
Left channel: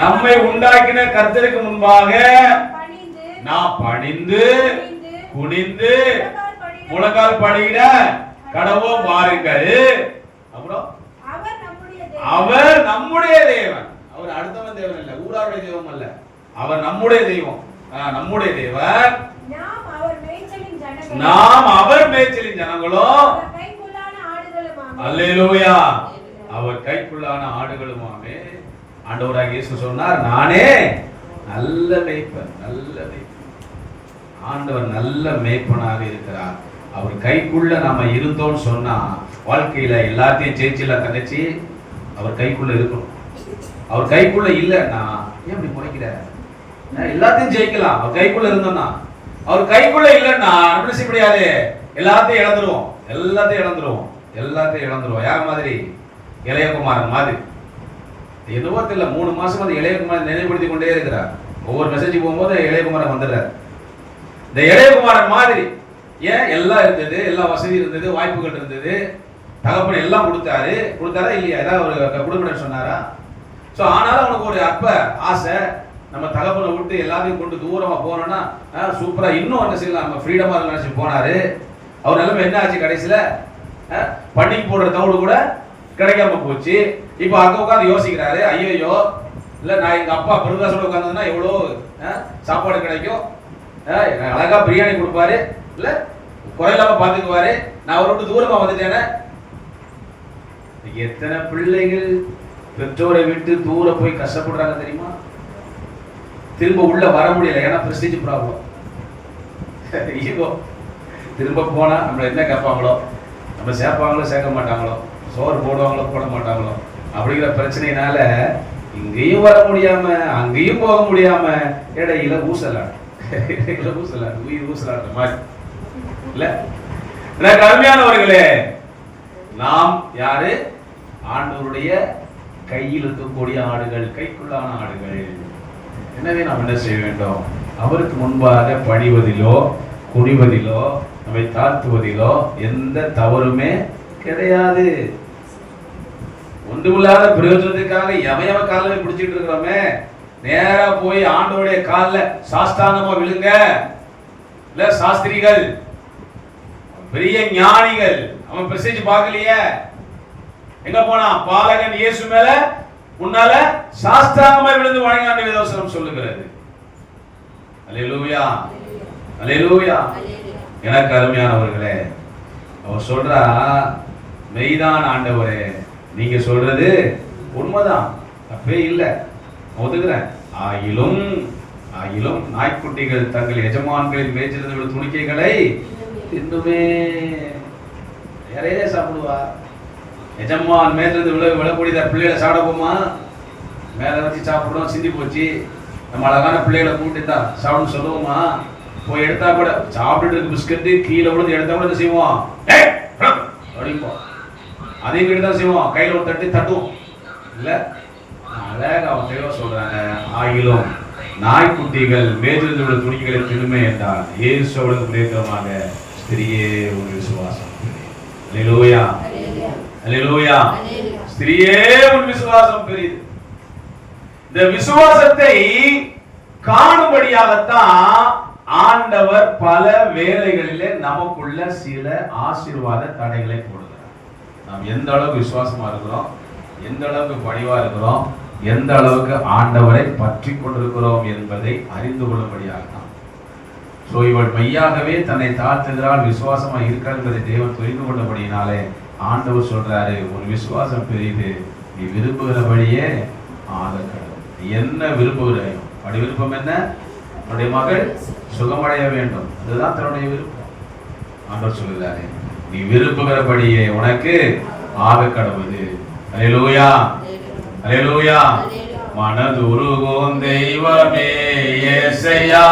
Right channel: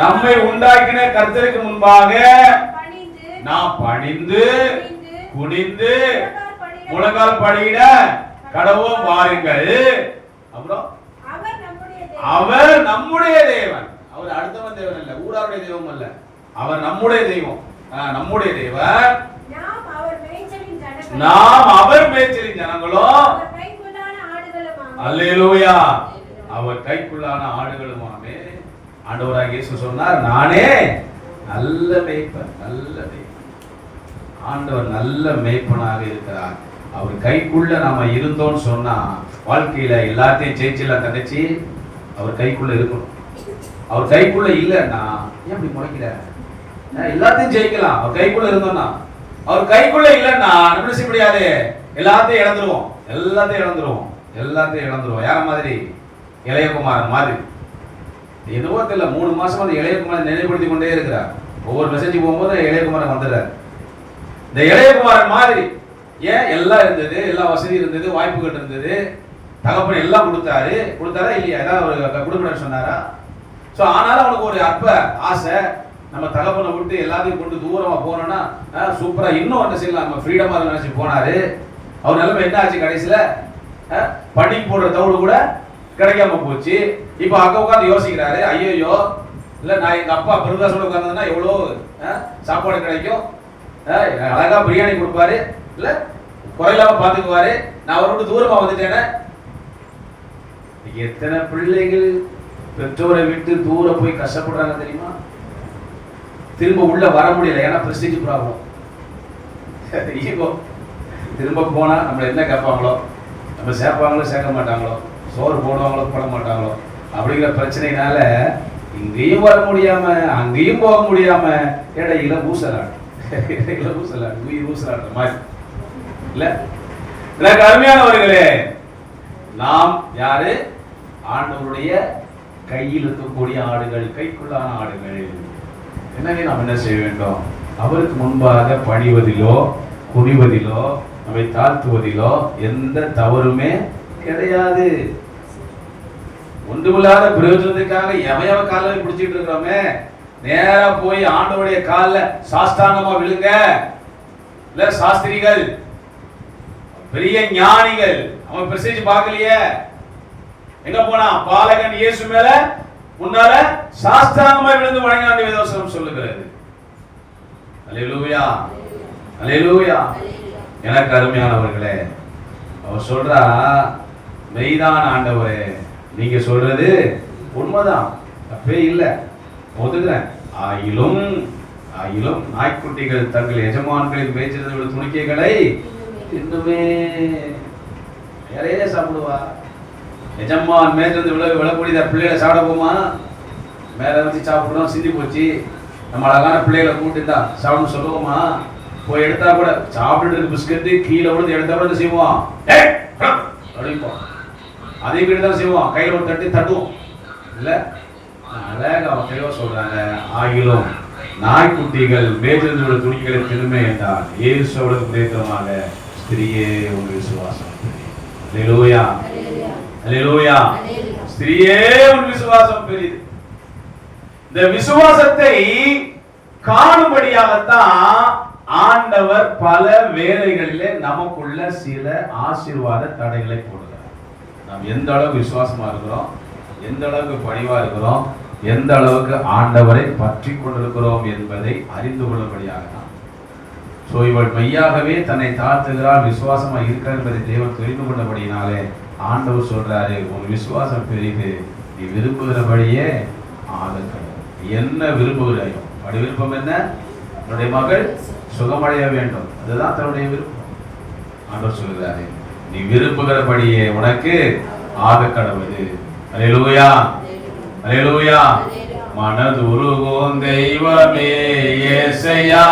நம்மை உண்டாக்கின கர்த்தருக்கு முன்பாக நாம் பணிந்து குனிந்து முழங்கால் படியிட கடவோம் வாருங்கள். அப்புறம் அவர் நம்முடைய தேவன். அவர் அடுத்தவன் தேவன் அல்ல, ஊராருடைய தெய்வம் அல்ல. அவர் நம்முடைய தெய்வம், நம்முடைய தேவன். நாம் அவர் மேய்ச்சலின் ஜனங்களோ. அல்லேலூயா. அவர் கைக்குள்ளான ஆடுகளுமாமே. ஆண்டவராகிய இயேசு சொன்னார், நானே நல்ல மேய்ப்பன். ஆண்டவர் நல்ல மேய்ப்பனாக இருக்கிறார். அவர் கைக்குள்ள நாம இருந்தோம்னு சொன்னா வாழ்க்கையில எல்லாத்தையும் ஜெயிச்சிடலாம். தங்கச்சி, அவர் கைக்குள்ள இருக்கணும். அவர் கைக்குள்ள இல்லைன்னா ஏன் அப்படி முறைக்கிற? எல்லாத்தையும் ஜெயிக்கலாம் அவர் கைக்குள்ள இருந்தோம்னா. அவர் கைக்குள்ள இல்லைன்னா நம்ம செய்ய முடியாது. எல்லாத்தையும் இழந்துருவோம். யார மாதிரி? இளையகுமாரன் மாதிரி. என்னவோ தெரியல, 3 மாசமா அந்த இளையகுமாரன் நினைவுபடுத்தி கொண்டே இருக்கிறார். ஒவ்வொரு மெசேஜ் போகும்போது இளையகுமாரன் வந்துடுறார். இந்த இளையகுமாரன் மாதிரி ஏன் எல்லாம் இருந்தது, எல்லா வசதி இருந்தது, வாய்ப்புகள் இருந்தது, தகப்பன் எல்லாம் கொடுத்தாரா இல்லையா? ஏதாவது ஒரு கொடுக்கணும்னு சொன்னாரா? ஸோ ஆனாலும் அவனுக்கு ஒரு அற்ப ஆசை, நம்ம தகப்பனை விட்டு எல்லாத்தையும் கொண்டு தூரமா போனோம்னா சூப்பரா இன்னும் என்ன செய்யலாம், நம்ம ஃப்ரீடமா நினைச்சு போனாரு. அவர் நிலைமை என்ன ஆச்சு? கடைசியில பண்டிகை போடுற தவிடு கூட கிடைக்காம போச்சு. இப்போ அங்க உட்காந்து யோசிக்கிறாரு, ஐயோ இல்ல நான் எங்க அப்பா பெருதாசோட உட்கார்ந்ததுன்னா எவ்வளோ சாப்பாடு கிடைக்கும், அழகா பிரியாணி கொடுப்பாரு, இல்ல குறையில்லாம பாத்துக்குவாரு, நான் அவரை விட்டு தூரமா வந்துட்டேனே. எத்தனை பிள்ளைகள் பெற்றோரை விட்டு தூர போய் கஷ்டப்படுறாங்க தெரியுமா? திரும்ப உள்ள வர முடியல. ஏன்னா பிரஸ்டீஜ் ப்ராப்ளம், ஈகோ. திரும்ப போனா நம்மள என்ன கேட்பாங்களோ, நம்ம சேர்ப்பாங்களோ சேர்க்க மாட்டாங்களோ, சோறு போடுவாங்களோ போட மாட்டாங்களோ அப்படிங்கிற பிரச்சனையினால இங்கேயும் வர முடியாம அங்கேயும் போக முடியாம இடையில ஊசலாடு உயிர் ஊசலாடுற மாதிரி இல்ல. எனக்கு அருமையானவர்களே, நாம் யாரு? ஆண்டவருடைய கையில் இருக்கக்கூடிய ஆடுகள், கைக்குள்ளான ஆடுகள். எனவே நாம் என்ன செய்ய வேண்டும்? அவருக்கு முன்பாக பணிவதிலோ குனிவதிலோ நம்மை தாழ்த்துவதிலோ எந்த தவறுமே கிடையாது. ஒன்றுமில்லாத பிரயோஜனத்துக்காக எவையவ காலில் பிடிச்சிட்டு இருக்கிறோமே, நேரா போய் ஆண்டவருடைய காலில் சாஸ்தாங்கமா விழுங்க. இல்ல சாஸ்திரிகள், பெரிய ஞானிகள், அவன் பிரசேஜ் பார்க்கலையே, எங்க போனா பாலகன் இயேசு மேல முன்னால சாஸ்தாங்கமா விழுந்து வணங்கினான் வேதவசனம் சொல்லுகிறது. அல்லேலூயா, அல்லேலூயா. எனக்கு அருமையானவர்களே, அவர் சொல்றா, மெய்தான் ஆண்டவரே, நீங்க சொல்றது உண்மைதான், தப்பே இல்லை, ஒதுக்குறேன். ஆயிலும் நாய்க்குட்டிகள் தங்கள் எஜமான்களின் மேய்ச்சலில் உள்ள துணிக்கைகளை இன்னுமே நிறைய சாப்பிடுவா. எஜமான் மேய்ச்சல் விழக்கூடியதா பிள்ளைகளை சாப்பிட போமா? மேல வச்சு சாப்பிடுவோம், சிந்தி போச்சு. நம்ம அழகான பிள்ளைகளை கூட்டி தான் சாப்பிடணும் சொல்லுவோமா? போய் எடுத்தா கூட சாப்பிட்டு பிஸ்கட் கீழே விழுந்து எடுத்தா கூட செய்வோம், அடிப்போம். அதே மாதிரி தான் செய்வோம், கையில் ஒரு தட்டி தட்டுவோம் இல்ல. அழகாக அவன் தெளிவா சொல்றாங்க, ஆகிலும் நாய்க்குட்டிகள் மேலிருந்து விட துணிகளை திரும்ப என்றால் இயேசுவுக்கு நேத்திரமாக ஸ்திரியே ஒரு விசுவாசம். அல்லேலூயா, அல்லேலூயா. ஸ்திரியே ஒரு விசுவாசம் பெரியது. இந்த விசுவாசத்தை காணும்படியாகத்தான் ஆண்டவர் பல வேளைகளிலே நமக்குள்ள சில ஆசீர்வாத தடைகளை போடுகிறார். நாம் எந்த அளவுக்கு விசுவாசமா இருக்கிறோம், எந்த அளவுக்கு பணிவா இருக்கிறோம், எந்த அளவுக்கு ஆண்டவரை பற்றி கொண்டிருக்கிறோம் என்பதை அறிந்து கொள்ளும்படியாகத்தான். சோ இவள் மெய்யாகவே தன்னை தாழ்த்துகிறாள், விசுவாசமா இருக்கிறார் என்பதை தேவன் தெரிந்து கொண்டபடியினாலே ஆண்டவர் சொல்றாரு, உன் விசுவாசம் பெரியது, நீ விரும்புகிறபடியே ஆகட்டும். என்ன விரும்புகிறாயோ அப்படி விருப்பம் என்ன? உன்னுடைய மகள் சுகமடைய வேண்டும், அதுதான் தன்னுடைய விருப்பம். ஆண்டவர் சொல்கிறாரு, நீ விரும்புகிறபடியே உனக்கு ஆக கடவுது. அல்லேலூயா, அல்லேலூயா. மனதுருகும் தெய்வமே இயேசையா,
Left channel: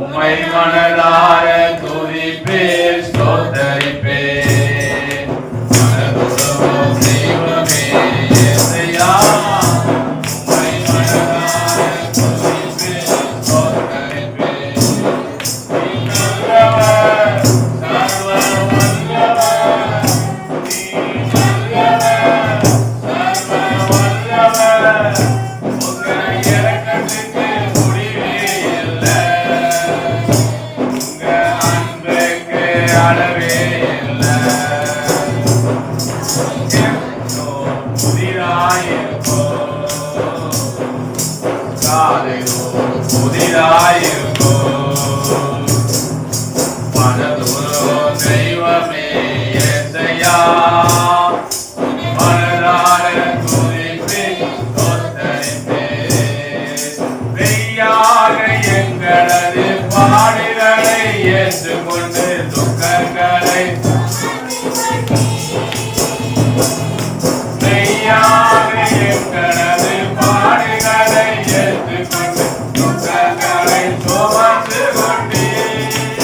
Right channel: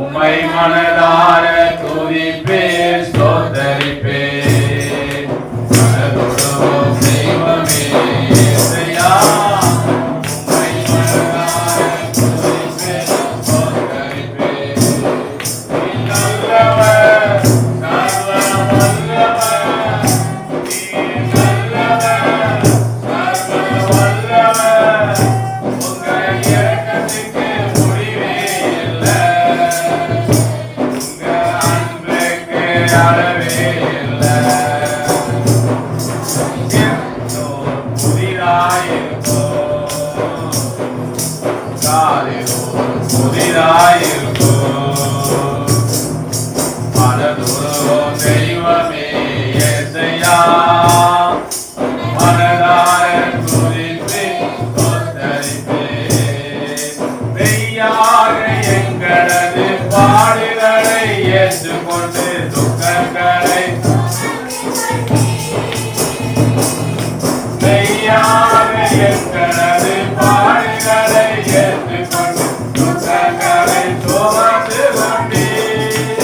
உம்மை மனதார துதிப்பேன் ஸ்தோத்தரிப்பேன். மனதுருகும் தெய்வமே இயேசையா, உம்மை மனதார துதிப்பேன் ஸ்தோத்தரிப்பேன். நீ நல்லவர், சர்வ வல்லவர், நீ நல்லவர், சர்வ வல்லவர். உங்க இரக்கத்துக்கு முடிவே இல்லை, உங்க அன்புக்கு அளவே இல்லை. புதிதாயிருக்கும் புதிதாயிருக்கும் மனதுருகும் தெய்வமே இயேசையா, மனதார துதிப்பேன் ஸ்தோத்தரிப்பேன். மெய்யாக எங்களது பாடுகளை ஏற்றுக்கொண்டு துக்கங்களை மெய்யாக எங்களது பாடுகளை ஏற்றுக்கொண்டு துக்கங்களை சுமந்து கொண்டீர்.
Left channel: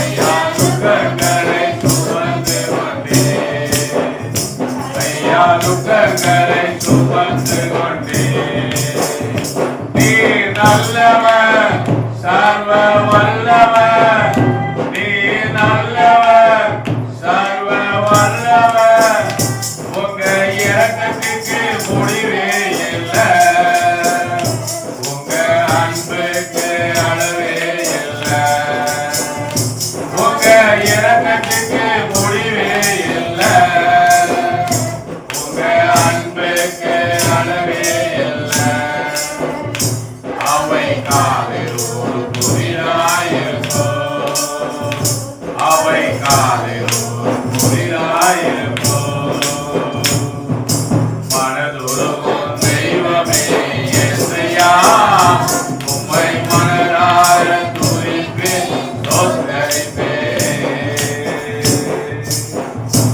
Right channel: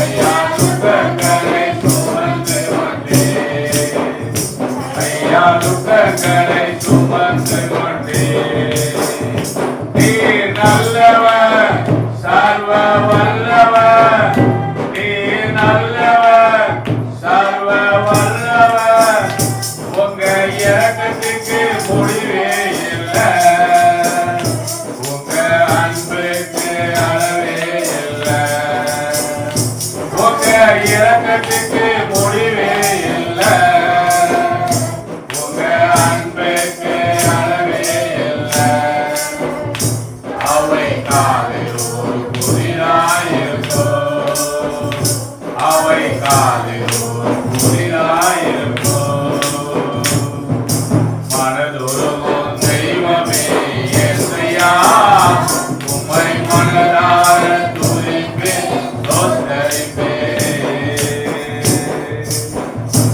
ஐயா துக்கங்களை சுமந்து கொண்டீர், ஐயா துக்கங்களை சுமந்து கொண்டீர். நீர் நல்லவர், சர்வ வல்லவர், நீர் நல்லவர், சர்வ வல்லவர். உங்க இரக்கத்துக்கு முடிவே இல்லை, உங்க அன்புக்கு அளவே இல்லை, உங்க இரக்கத்துக்கு முடிவே இல்லை, உங்க அன்புக்கு அளவே இல்லை. அவை காலில் ஒரு புதிதாயிருக்கும், அவை காலில் ஒரு புதிதாயிருக்கும். மனதுருகும் தெய்வமே இயேசையா, உம்மை மனதார துதிப்பேன் ஸ்தோத்தரிப்பேன்.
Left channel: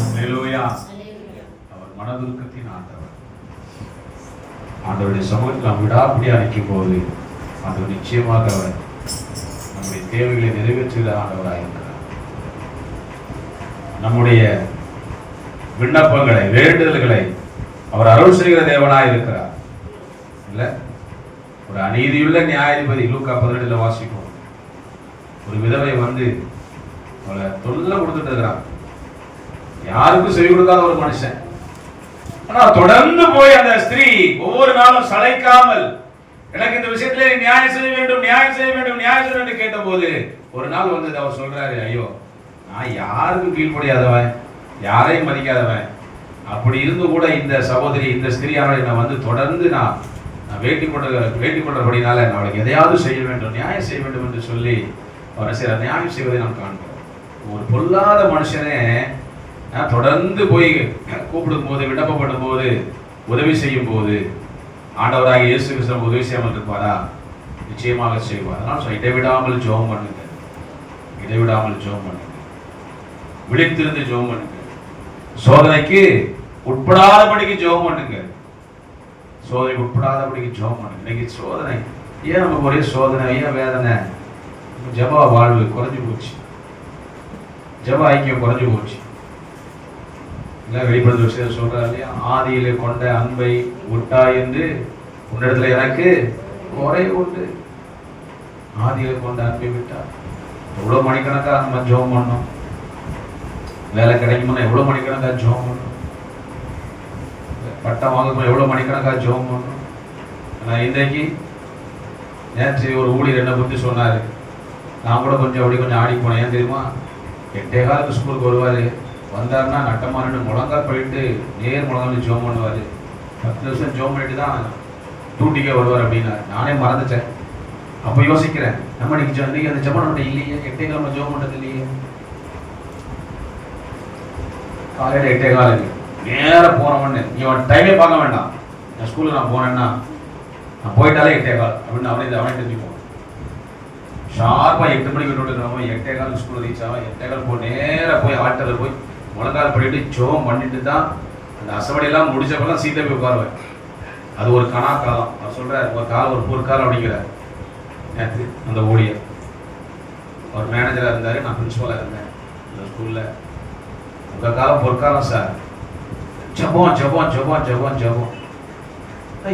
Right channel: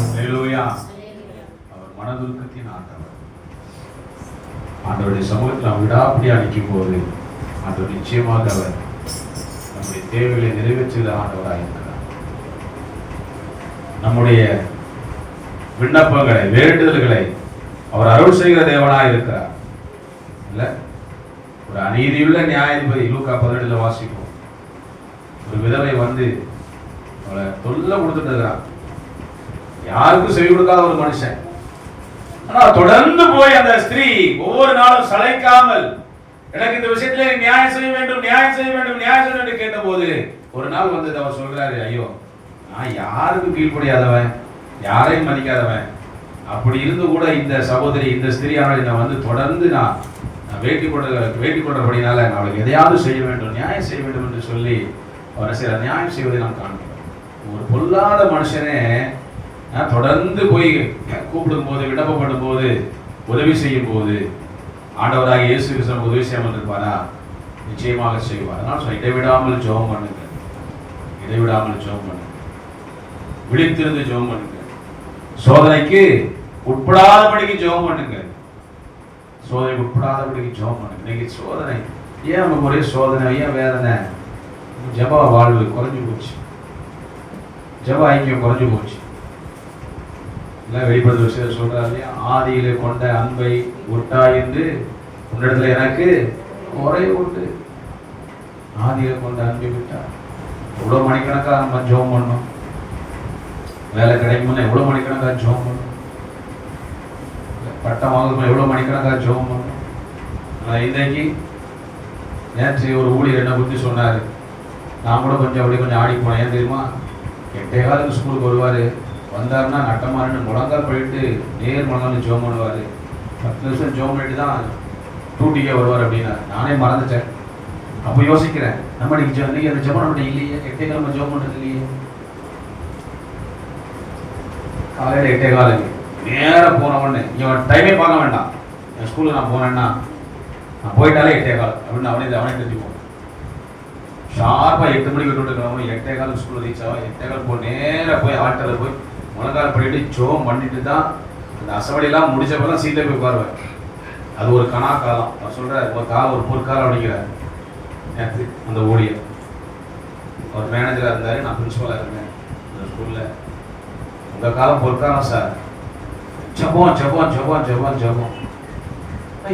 அல்லேலூயா. அவர் மனதுருக்கத்தின் ஆண்டவர். ஆண்டவருடைய சமூகத்தில் நாம் விடாப்பிடியா நிற்கும் போது ஆண்டவர் நிச்சயமாக அவர் நம்முடைய தேவைகளை நிறைவேற்றுகிற ஆண்டவராக இருக்கிறார். நம்முடைய விண்ணப்பங்களை, வேண்டுதல்களை அவர் அருள் செய்கிற தேவனாய் இருக்கிறார். இல்ல, ஒரு அநீதியுள்ள நியாயாதிபதி லூக்கா 12 வாசிப்போம். ஒரு விதவை வந்து அவளை தொல்லை கொடுத்துட்டு இருக்கிறான், யாருக்கும் செவி கொடுக்காத ஒரு மனுஷன். ஆனா தொடர்ந்து போய் அந்த ஸ்திரீ ஒவ்வொரு நாளும் சளைக்காமல், எனக்கு இந்த விஷயத்துல நியாயம் செய்ய வேண்டும், நியாயம் செய்ய வேண்டும், நியாயம் செய்ய வேண்டும் கேட்ட போது ஒரு நாள் வந்து அவர் சொல்றாரு, ஐயோ நான் யாருக்கும் கீழ்ப்படியாதவன், யாரையும் மதிக்காதவன், அப்படி இருந்து கூட இந்த சகோதரி, இந்த ஸ்திரீயான என்னை வந்து தொடர்ந்து நான் வேட்டி கொண்டபடினால நான் அவளுக்கு எதையாவது செய்ய வேண்டும், நியாயம் செய்ய வேண்டும் என்று சொல்லி அவரை சில நியாயம் செய்வதை நாம் காண்கிறோம். ஒரு பொல்லாத மனுஷனே தொடர்ந்து போய் கூப்பிடும் போது, விண்ணப்பப்படும் போது, உதவி செய்யும் போது ஆண்டவராக இயேசு கிறிஸ்து உதவி செய்யாமல் இருப்பாரா? நிச்சயமாக செய்வார். அதனால் இடைவிடாமல் ஜெபம் பண்ணுங்க, இடைவிடாமல் ஜெபம் பண்ணுங்க, விழித்திருந்து ஜெபம் பண்ணுங்க, சோதனைக்கு உட்படாதபடிக்கு ஜெபம் பண்ணுங்க, சோதனைக்கு உட்படாதபடிக்கு ஜெபம் பண்ணுங்க. இன்னைக்கு சோதனை, ஏன் நமக்கு ஒரே சோதனை, ஏன் வேதனை? ஜப வாழ்வு குறைஞ்சு போச்சு, ஜப ஐக்கியம் குறைஞ்சு போச்சு. இல்லை வெளிப்படுத்த விஷயத்தை சொல்றாரு இல்லையா, ஆதியிலே கொண்ட அன்பை விட்டா என்று உன்னிடத்துல எனக்கு குறை உண்டு. ஆதியிலே கொண்ட அன்பை விட்டா எவ்வளோ மணிக்கணக்காக நம்ம ஜெபம் பண்ணோம், வேலை கிடைக்கும்னா எவ்வளோ மணிக்கணக்காக ஜெபம் பண்ணோம், பட்டம் வாங்கணும் எவ்வளோ மணிக்கணக்காக ஜெபம் பண்ணோம். ஆனால் இன்றைக்கு நேற்று ஒரு ஊழியர் என்ன பற்றி சொன்னார், நான் கூட கொஞ்சம் ஆடி போனேன். ஏன் தெரியுமா, 8:15 ஸ்கூலுக்கு வருவார், வந்தாருன்னா நட்டமாரின்னு முழங்கா போயிட்டு நேர் முழங்கான்னு ஜோம் பண்ணுவார். 10 நிமிஷம் ஜோம் பண்ணிட்டு தான் டூட்டிக்கே வருவார் அப்படின்னாரு. நானே மறந்துட்டேன். அப்போ யோசிக்கிறேன், நம்ம இன்னைக்கு அந்த ஜெபம் நம்மகிட்ட இல்லையே, 8:15 ஜோம் பண்ணுறது இல்லையே. காலையில் 8:15 நேராக போனவொடனே இவன் டைமே பார்க்க வேண்டாம், என் ஸ்கூலில் நான் போனேன்னா நான் போயிட்டாலே 8:15 அப்படின்னு அவனே தெரிஞ்சுப்போம். ஷார்ப்பாக 8 மணிக்கு விட்டுட்டுக்கிறவங்க 8:15 ஸ்கூலில் ரீச் ஆகும். 8:15 போய் நேராக போய் ஆட்டரில் போய் முழங்கால படிட்டு ஜோம் பண்ணிட்டு தான் இந்த அசவடியெல்லாம் முடிச்சப்பெல்லாம் சீட்டை போய் உட்காருவேன். அது ஒரு கணா காலம். நான் சொல்கிறேன், ஒரு காலம் ஒரு பொற்காலம் அப்படிங்கிறார். நேற்று அந்த ஊழியர் ஒரு மேனேஜராக இருந்தார், நான் பிரின்ஸிபலாக இருந்தேன் அந்த ஸ்கூலில். உங்கள் காலம் பொற்காலம் சார், ஜபம் ஜபம் ஜபம் ஜபம் ஜபம்.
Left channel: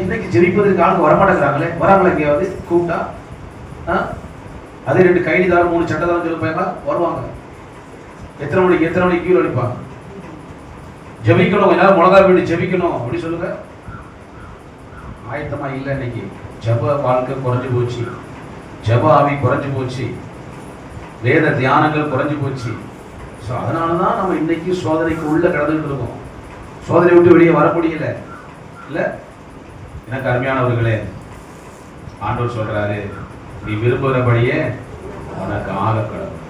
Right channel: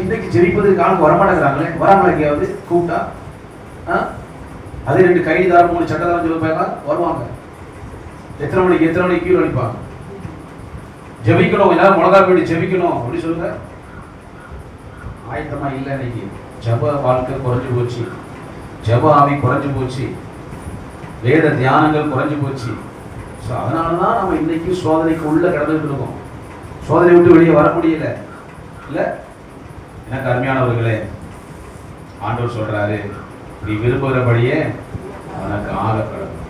இன்னைக்கு ஜெபிப்பதுக்கு ஆளுக்கு வரமாட்டேங்கிறாங்களே, வராங்களே எங்கேயாவது கூப்பிட்டா அது 2 கைதிதார் 3 சட்டதாரம் சொல்லி போய் வருவாங்க. எத்தனை மணிக்கு கீழே அடிப்பாங்க. ஜெபிக்கணும், எல்லாரும் முழங்கால் வேண்டி ஜெபிக்கணும் அப்படி சொல்லுங்க. ஆயத்தமா இல்லை. இன்னைக்கு ஜப வாழ்க்கை குறைஞ்சு போச்சு, ஜப ஆவி குறைஞ்சு போச்சு, வேத தியானங்கள் குறைஞ்சு போச்சு. ஸோ அதனாலதான் நம்ம இன்னைக்கு சோதனைக்கு உள்ள கடந்துட்டு இருக்கோம். சோதனை விட்டு வெளியே வர முடியல. இல்லை எனக்கு அருமையானவர்களே, ஆண்டவர் சொல்றாரு, நீ விரும்புகிறபடியே உனக்கு ஆக கடவுள்,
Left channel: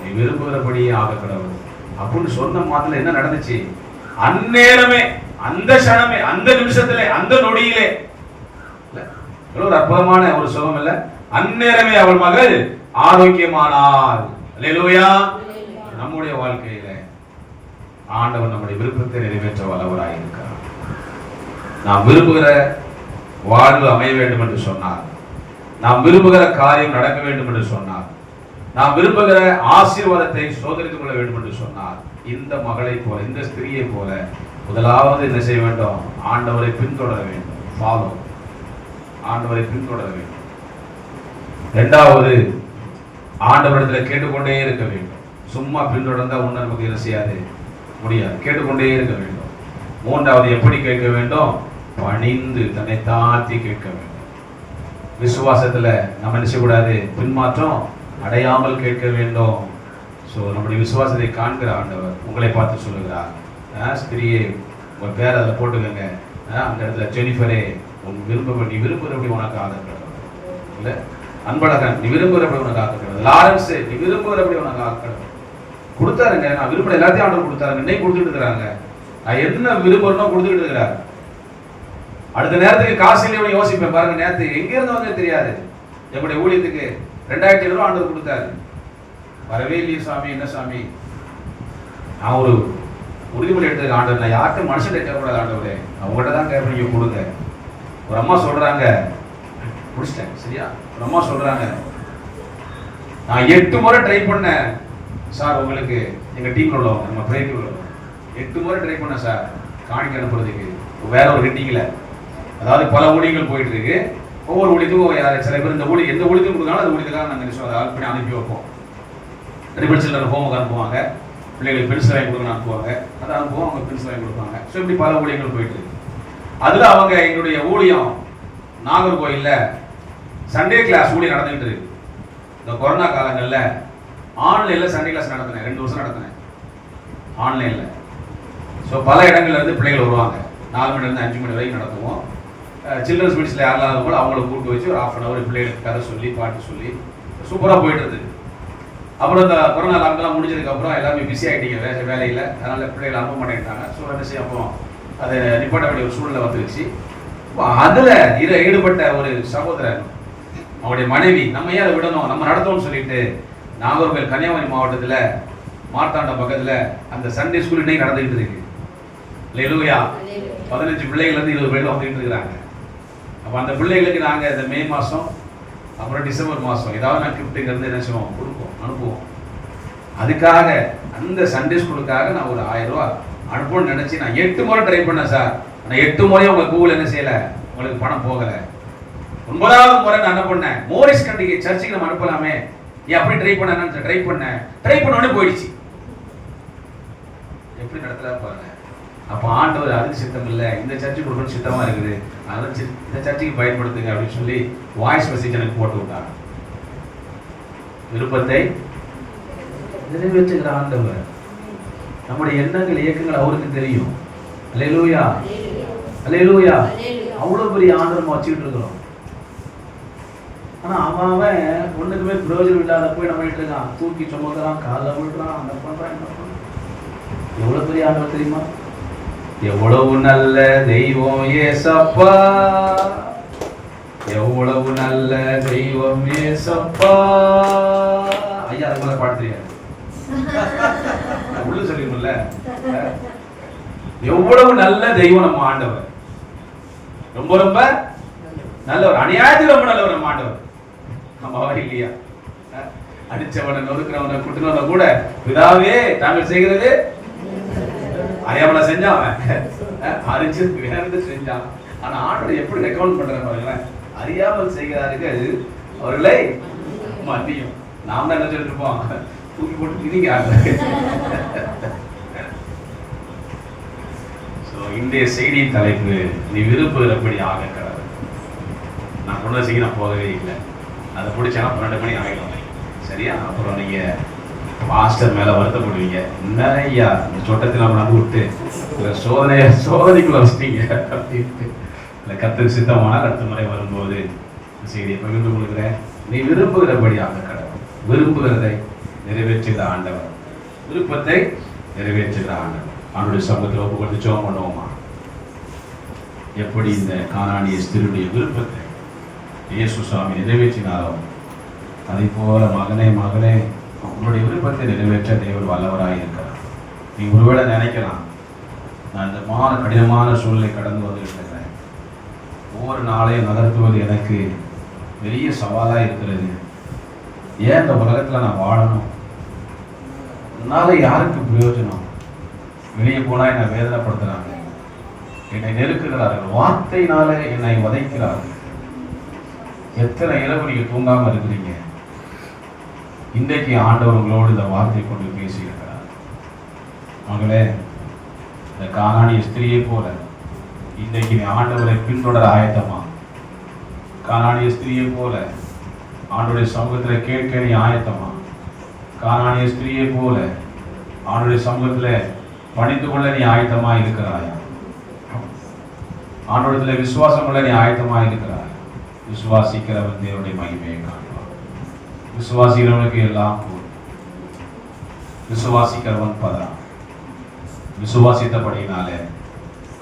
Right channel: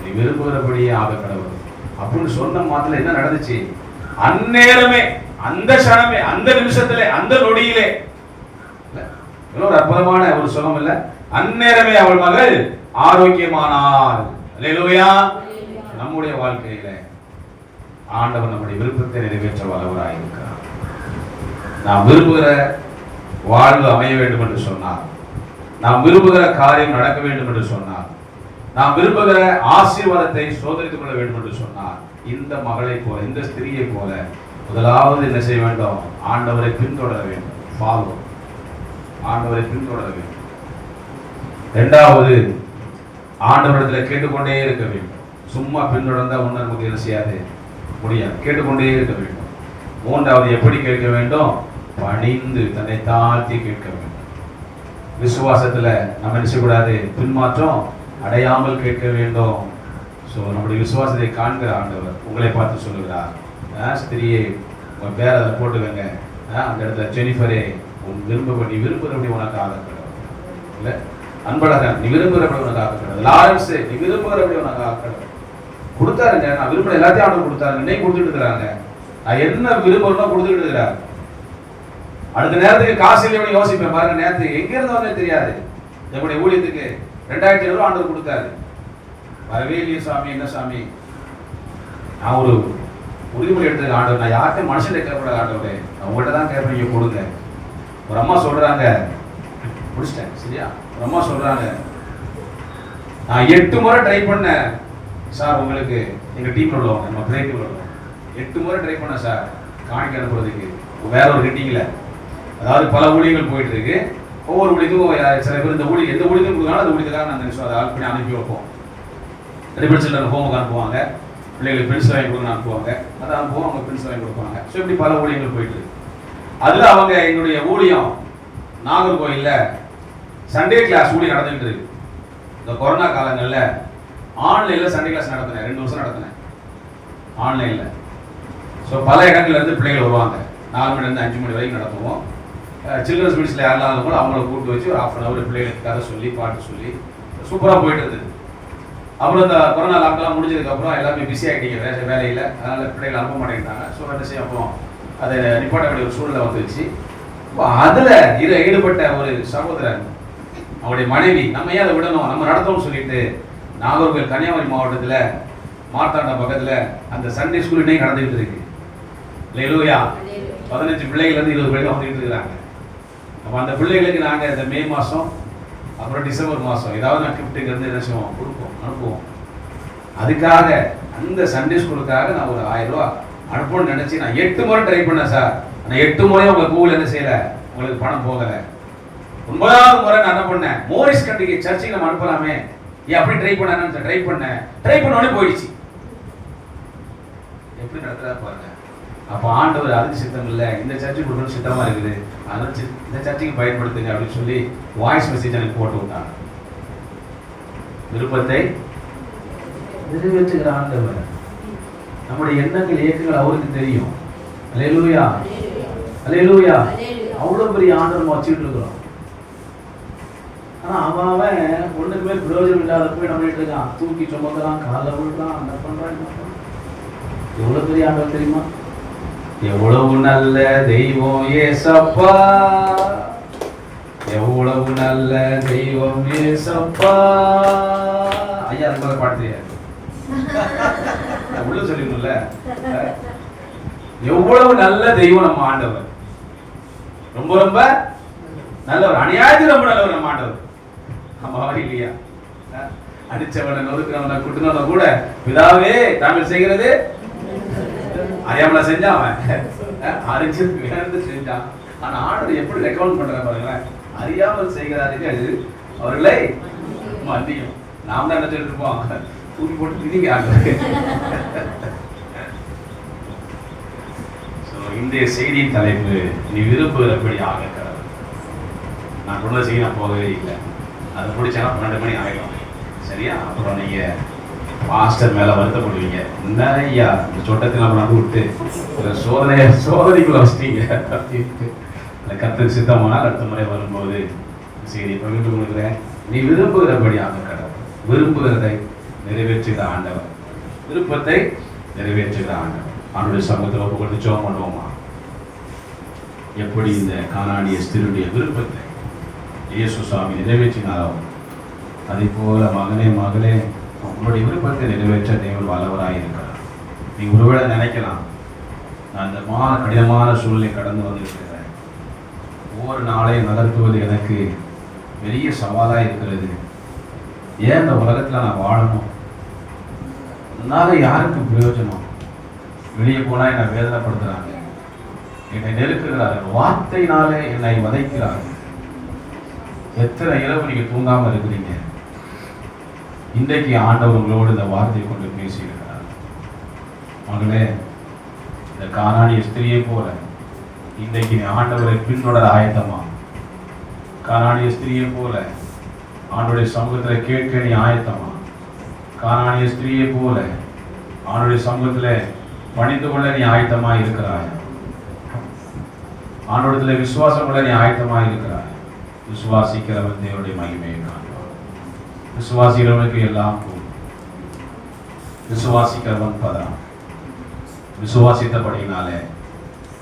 நீ விரும்புகிறபடியே ஆக கடவுள் அப்படின்னு சொன்ன மாத்திர என்ன நடந்துச்சு? அந்நேரமே, அந்த க்ஷணமே, அந்த நிமிஷத்துல, அந்த நொடியிலே, ஒரு அற்புதமான ஒரு சுகம் இல்ல, அந்நேரமே அவள் மகள் ஆரோக்கியமானாள். அல்லேலூயா. நம்முடைய வாழ்க்கையில ஆண்டவர் நம்முடைய விருப்பத்தை நிறைவேற்ற வல்லவராயிருக்கிறார். நாம் விரும்புகிற வாழ்வு அமைய வேண்டும் என்று சொன்னார், நாம் விரும்புகிற காரியம் நடக்க வேண்டும் என்று சொன்னார், நாம் விரும்புகிற ஆசீர்வாதத்தை சோதரித்துக் கொள்ள வேண்டும் என்று சொன்னார். இந்த மகளை போல, இந்த ஸ்திரியை போல முதலாவது என்ன செய்ய வேண்டும்? ஆண்டவரை பின்தொடர வேண்டும். ஃபாலோ, ஆண்டவரை பின்தொடர வேண்டும். இரண்டாவது, ஆண்டவரிடத்தில் கேட்டுக்கொண்டே இருக்க வேண்டும். சும்மா பின்தொடர்ந்தா ஒன்றும் நமக்கு என்ன செய்யாது, முடியாது. கேட்டுக்கொண்டே இருக்க வேண்டும். மூன்றாவது, எப்படி கேட்க வேண்டும்? பணிந்து தன்னை தாழ்த்தி கேட்க வேண்டும். விசுவாசத்துல நம்ம என்ன செய்யக்கூடாது? பின்மாற்றம் அடையாமல் கேட்க வேண்டும். ஸோ நம்முடைய விசுவாசத்தை காண்கிற ஆண்டவர் உங்களை பார்த்து சொல்லுகிறார், ஸ்திரியே உங்க பேரை அதை போட்டுக்கங்க, அந்த இடத்துல ஜெனிஃபரே உன் விரும்பப்படி விரும்புகிறபடி உனக்கு ஆகக்கூடாது. இல்லை அன்பழகன், நீ விரும்புகிறபடி உனக்கு ஆகக்கூடாது. லாரன்ஸ், நீ விரும்புகிறபடி உனக்கு ஆகக்கூடாது. கொடுத்தாருங்க, நான் விரும்புகிற எல்லாத்தையும் ஆர்டர் கொடுத்தாரு, இன்னைக்கு கொடுத்துட்டு இருக்கிறாங்க. நான் என்ன விரும்புறனோ கொடுத்துட்டு இருக்கிறார். அடுத்த நேரத்துக்கு காசு இல்லையோட யோசிப்பேன் பாருங்க. நேரத்து எங்க இருந்து வந்து தெரியாது, நம்முடைய ஊழியத்துக்கு 2500 ஆண்டவர் கொடுத்தாரு. வரவே இல்லையே சாமி, என்ன சாமி? நான் ஒரு உறுதிமொழி எடுத்துக்க ஆண்டவர், நான் யார்கிட்ட மனுஷன் கேட்கக்கூடாது ஆண்டவரே, நான் உங்கள்கிட்ட தான் கேட்பேன், நீங்க கொடுங்க. ஒரு அம்மா சொல்றாங்க, முடிச்சிட்டேன் சரியா? ஒரு அம்மா சொல்றாங்க, நான் 8 முறை ட்ரை பண்ணேன் சார், உங்களுக்கு எங்க டீம்ல உள்ளவங்க, நம்ம ப்ரே டீம்ல உள்ளவங்க 8 முறை ட்ரை பண்ணேன் சார் காணிக்க அனுப்புறதுக்கு. வேற ஒரு ஹிட்டிங்ல, அதாவது பல ஊழியர்கள் போயிட்டு இருக்கு. ஒவ்வொரு ஊழியத்துக்கும் சில பேர் இந்த ஊழியம் எந்த ஊழியத்தையும் கொடுக்காங்க, அந்த ஊழியத்துக்காக நாங்கள் அதை ஆள் பண்ணி அனுப்பி வைப்போம். ரிப்பன் சில்லர் ஹோமுக்கு அனுப்புவாங்க, பிள்ளைகளுக்கு பென்சில் வாங்கி கொடுக்க அனுப்புவாங்க, அதை அனுப்புவோம், அவங்க பென்சில் வாங்கி கொடுப்பாங்க. ஸோ இப்படி பல ஊழியங்கள் போயிட்டு இருக்கு. அதில் அவங்க எங்களுடைய ஊழியம் நாகர்கோயில்ல சண்டே கிளாஸ் ஊழியம் நடந்துகிட்டு இருக்கு. இந்த கொரோனா காலங்களில் ஆன்லைனில் சண்டே கிளாஸ் நடத்தினேன், 2 வருஷம் நடத்தினேன் ஆன்லைனில். ஸோ பல இடங்கள்ல இருந்து பிள்ளைகள் வருவாங்க. 4 மணிலேருந்து 5 மணி வரைக்கும் நடத்துவோம். சில்ட்ரன்ஸ் மீட்ஸில் யாரெல்லாம் கூட அவங்கள கூப்பிட்டு வச்சு ஒரு 1/2 hour பிள்ளைகளுக்கு கதை சொல்லி பாட்டு சொல்லி சூப்பராக போயிட்டு இருந்தது. அப்புறம் இந்த கொரோனா லாக்டவுன் முடிஞ்சதுக்கப்புறம் எல்லாமே பிஸி ஆகிட்டீங்க வேலையில், அதனால் பிள்ளைகள் அனுப்ப மாட்டேங்கிட்டாங்க. ஸோ என்ன செய்ய அப்புறம் அதை நிப்பாட்ட வேண்டிய ஒரு சூழ்நிலை வந்துருச்சு. அதில் ஈடுபட்ட ஒரு சகோதரர், அவருடைய மனைவி, நம்ம ஏன் அதை விடணும், நம்ம நடத்தணும்னு சொல்லிட்டு நாகர்கோவில் கன்னியாகுமரி மாவட்டத்தில் மார்த்தாண்ட பக்கத்தில் அந்த சண்டே ஸ்கூல் இன்னைக்கு நடந்துகிட்டு இருக்கு. இல்லையா? 15 பிள்ளைகள் 20 பேர் வந்துட்டு இருக்காங்க. அப்போ அந்த பிள்ளைகளுக்கு நாங்கள் இந்த மே மாதம் அப்புறம் டிசம்பர் மாதம் ஏதாவது நான் கிஃப்ட்டுக்கு இருந்து என்ன செய்வோம், கொடுப்போம், அனுப்புவோம். அதுக்காக அந்த சண்டே ஸ்கூலுக்காக நான் ஒரு 1000 ரூபா அனுப்பணும்னு நினச்சி நான் 8 முறை ட்ரை பண்ணேன் சார். ஆனால் 8 முறையும் உங்கள் கூகுள் என்ன செய்யலை, உங்களுக்கு பணம் போகலை. 9வது முறை நான் என்ன பண்ணேன், மோரிஸ் கண்டிகை சர்ச்சுக்கு நம்ம அனுப்பலாமே, ஏன் அப்படி ட்ரை பண்ணேன். ட்ரை பண்ணோடனே போயிடுச்சு. எப்படி நடத்துறா பாருங்க. அப்போ ஆண்டவர் அதுக்கு சித்தம் இல்லை, இந்த சர்ச்சுக்கு கொடுக்கணும் சித்தமா இருக்குது, அதனால இந்த சர்ச்சுக்கு பயன்படுத்துங்க அப்படின்னு சொல்லி வாய்ஸ் மெசேஜ் எனக்கு போட்டு விட்டாங்க. விருப்பத்தை நிறைவேற்றுகிற ஆண்டவர். நம்முடைய எண்ணங்கள் இயக்கங்கள் அவருக்கு தெரியும். அல்லேலூயா, அல்லேலூயா. அவ்வளவு பெரிய ஆண்டவர் வச்சுக்கிட்டு இருக்கிறோம். ஆனா அவன் ஒண்ணுக்குமே பிரயோஜனம் இல்லாத போய் நம்ம இருக்கான், தூக்கி சுமக்கிறான், காலை விடுறான், அந்த பண்றான், என்ன பண்றான். எவ்வளவு பெரிய ஆண்டவர் தெரியுமா? எவ்வளவு நல்ல தெய்வம் ஏசப்பா, எவ்வளவு நல்ல தெய்வம் ஏசப்பா. ஐயா அது மாதிரி பாட்டு தெரியாது, உள்ள சொல்லிக்கணும்ல. எவ்வளவு நல்ல தெய்வம் நம்ம ஆண்டவர், ரொம்ப ரொம்ப நல்லவர், அநியாயத்தில் ரொம்ப நல்லவர் நம்ம ஆண்டவர். ஆமாவா இல்லையா? அடிச்சவனை நொறுக்கிறவனை குட்டுனவனை கூட பிதாவே தாங்கள் செய்கிறது அறியாமல செஞ்சான், அவன் அறிஞ்சு வேறு செஞ்சான். ஆனா ஆண்டவர் எப்படி ரெக்கமெண்ட் பண்ற பாருங்களேன், அறியாமல் செய்கிறார்கள் அவர்களை மன்னியும். நாம் தான் என்ன சொல்லிருப்போம், தூக்கி போட்டு திணிக்கிறாங்க. இன்றைய செய்தியின் தலைப்பு, நீ விரும்புகிறபடி ஆக கடவுள். நான் கொண்டு செய்ய நான் போகவே இல்லை, அதை பிடிச்சா 12 மணி ஆகிடும். சரியா? அப்புறம் நீங்க மாஸ்டர் மேல வருத்தப்படுவீங்க, நிறையா இந்த சொட்டத்தில் நம்ம நம்பி விட்டு சோதனைக்குள்ள வச்சிட்டீங்க அப்படின்ட்டு. கர்த்தர் சித்தமான அடுத்த முறை வரும்போது செய்தி பகிர்ந்து கொடுக்குறேன். நீ விரும்புகிறபடி ஆக கடவுள். விரும்புகிறதை நிறைவேற்றுகிற ஆண்டவர், விருப்பத்தை நிறைவேற்றுகிற ஆண்டவர். ஆண்டவருடைய சமூகத்தில் ஒப்பு கொடுத்து ஜெபம் பண்ணுவோமா? எப்படி இந்த கானானிய ஸ்திரீயுடைய விருப்பத்தை இயேசு சுவாமி நிறைவேற்றினாரோ, அதே போல மகளே உங்களுடைய விருப்பத்தை நிறைவேற்ற தேவன் வல்லவராக இருக்கிறார். நீ ஒருவேளை நினைக்கலாம், நான் இந்த கடினமான சூழ்நிலை கடந்து வந்திருக்கிறேன், ஒவ்வொரு நாளையும் நகர்த்துவது எனக்கு பெரிய சவாலாக இருக்கிறது, ஏன் இந்த உலகத்தில் நான் வாழணும், அதனால யாருக்கு பிரயோஜனம், வெளியே போனால் என்னை வேதனைப்படுத்துகிறாங்க, என்னை நெருக்குகிறார்கள், வார்த்தையினால என்னை வதைக்கிறார்கள். எத்தனை இரவு நீங்க தூங்காம இருக்கிறீங்க? இன்றைக்கு ஆண்டவர் உங்களோடு இந்த வார்த்தை கொண்டு பேசியிருக்கிறார். மகளே, இந்த கானானிய ஸ்திரியை போல இன்றைக்கு நீ ஆண்டவரை பின்தொடர ஆயத்தமா? கானானிய ஸ்திரியை போல ஆண்டவருடைய சமூகத்தில் கேட்க நீ ஆயத்தமா? கானானிய ஸ்திரியை போல ஆண்டவருடைய சமூகத்தில் பணிந்து கொள்ள நீ ஆயத்தமா இருக்கிறாய்? ஆண்டவரத்தில் விசுவாசம் கொள்ள நீ ஆயத்தமா இருக்கிறாய்? விசுவாசிக்கிறவன் தேவனுடைய மகிமையை காண்பான். விசுவாசிக்கிறவனுக்கு எல்லாம் கூடும். விசுவாசிக்கிறவன் பதறான். விசுவாசித்தபடியினாலே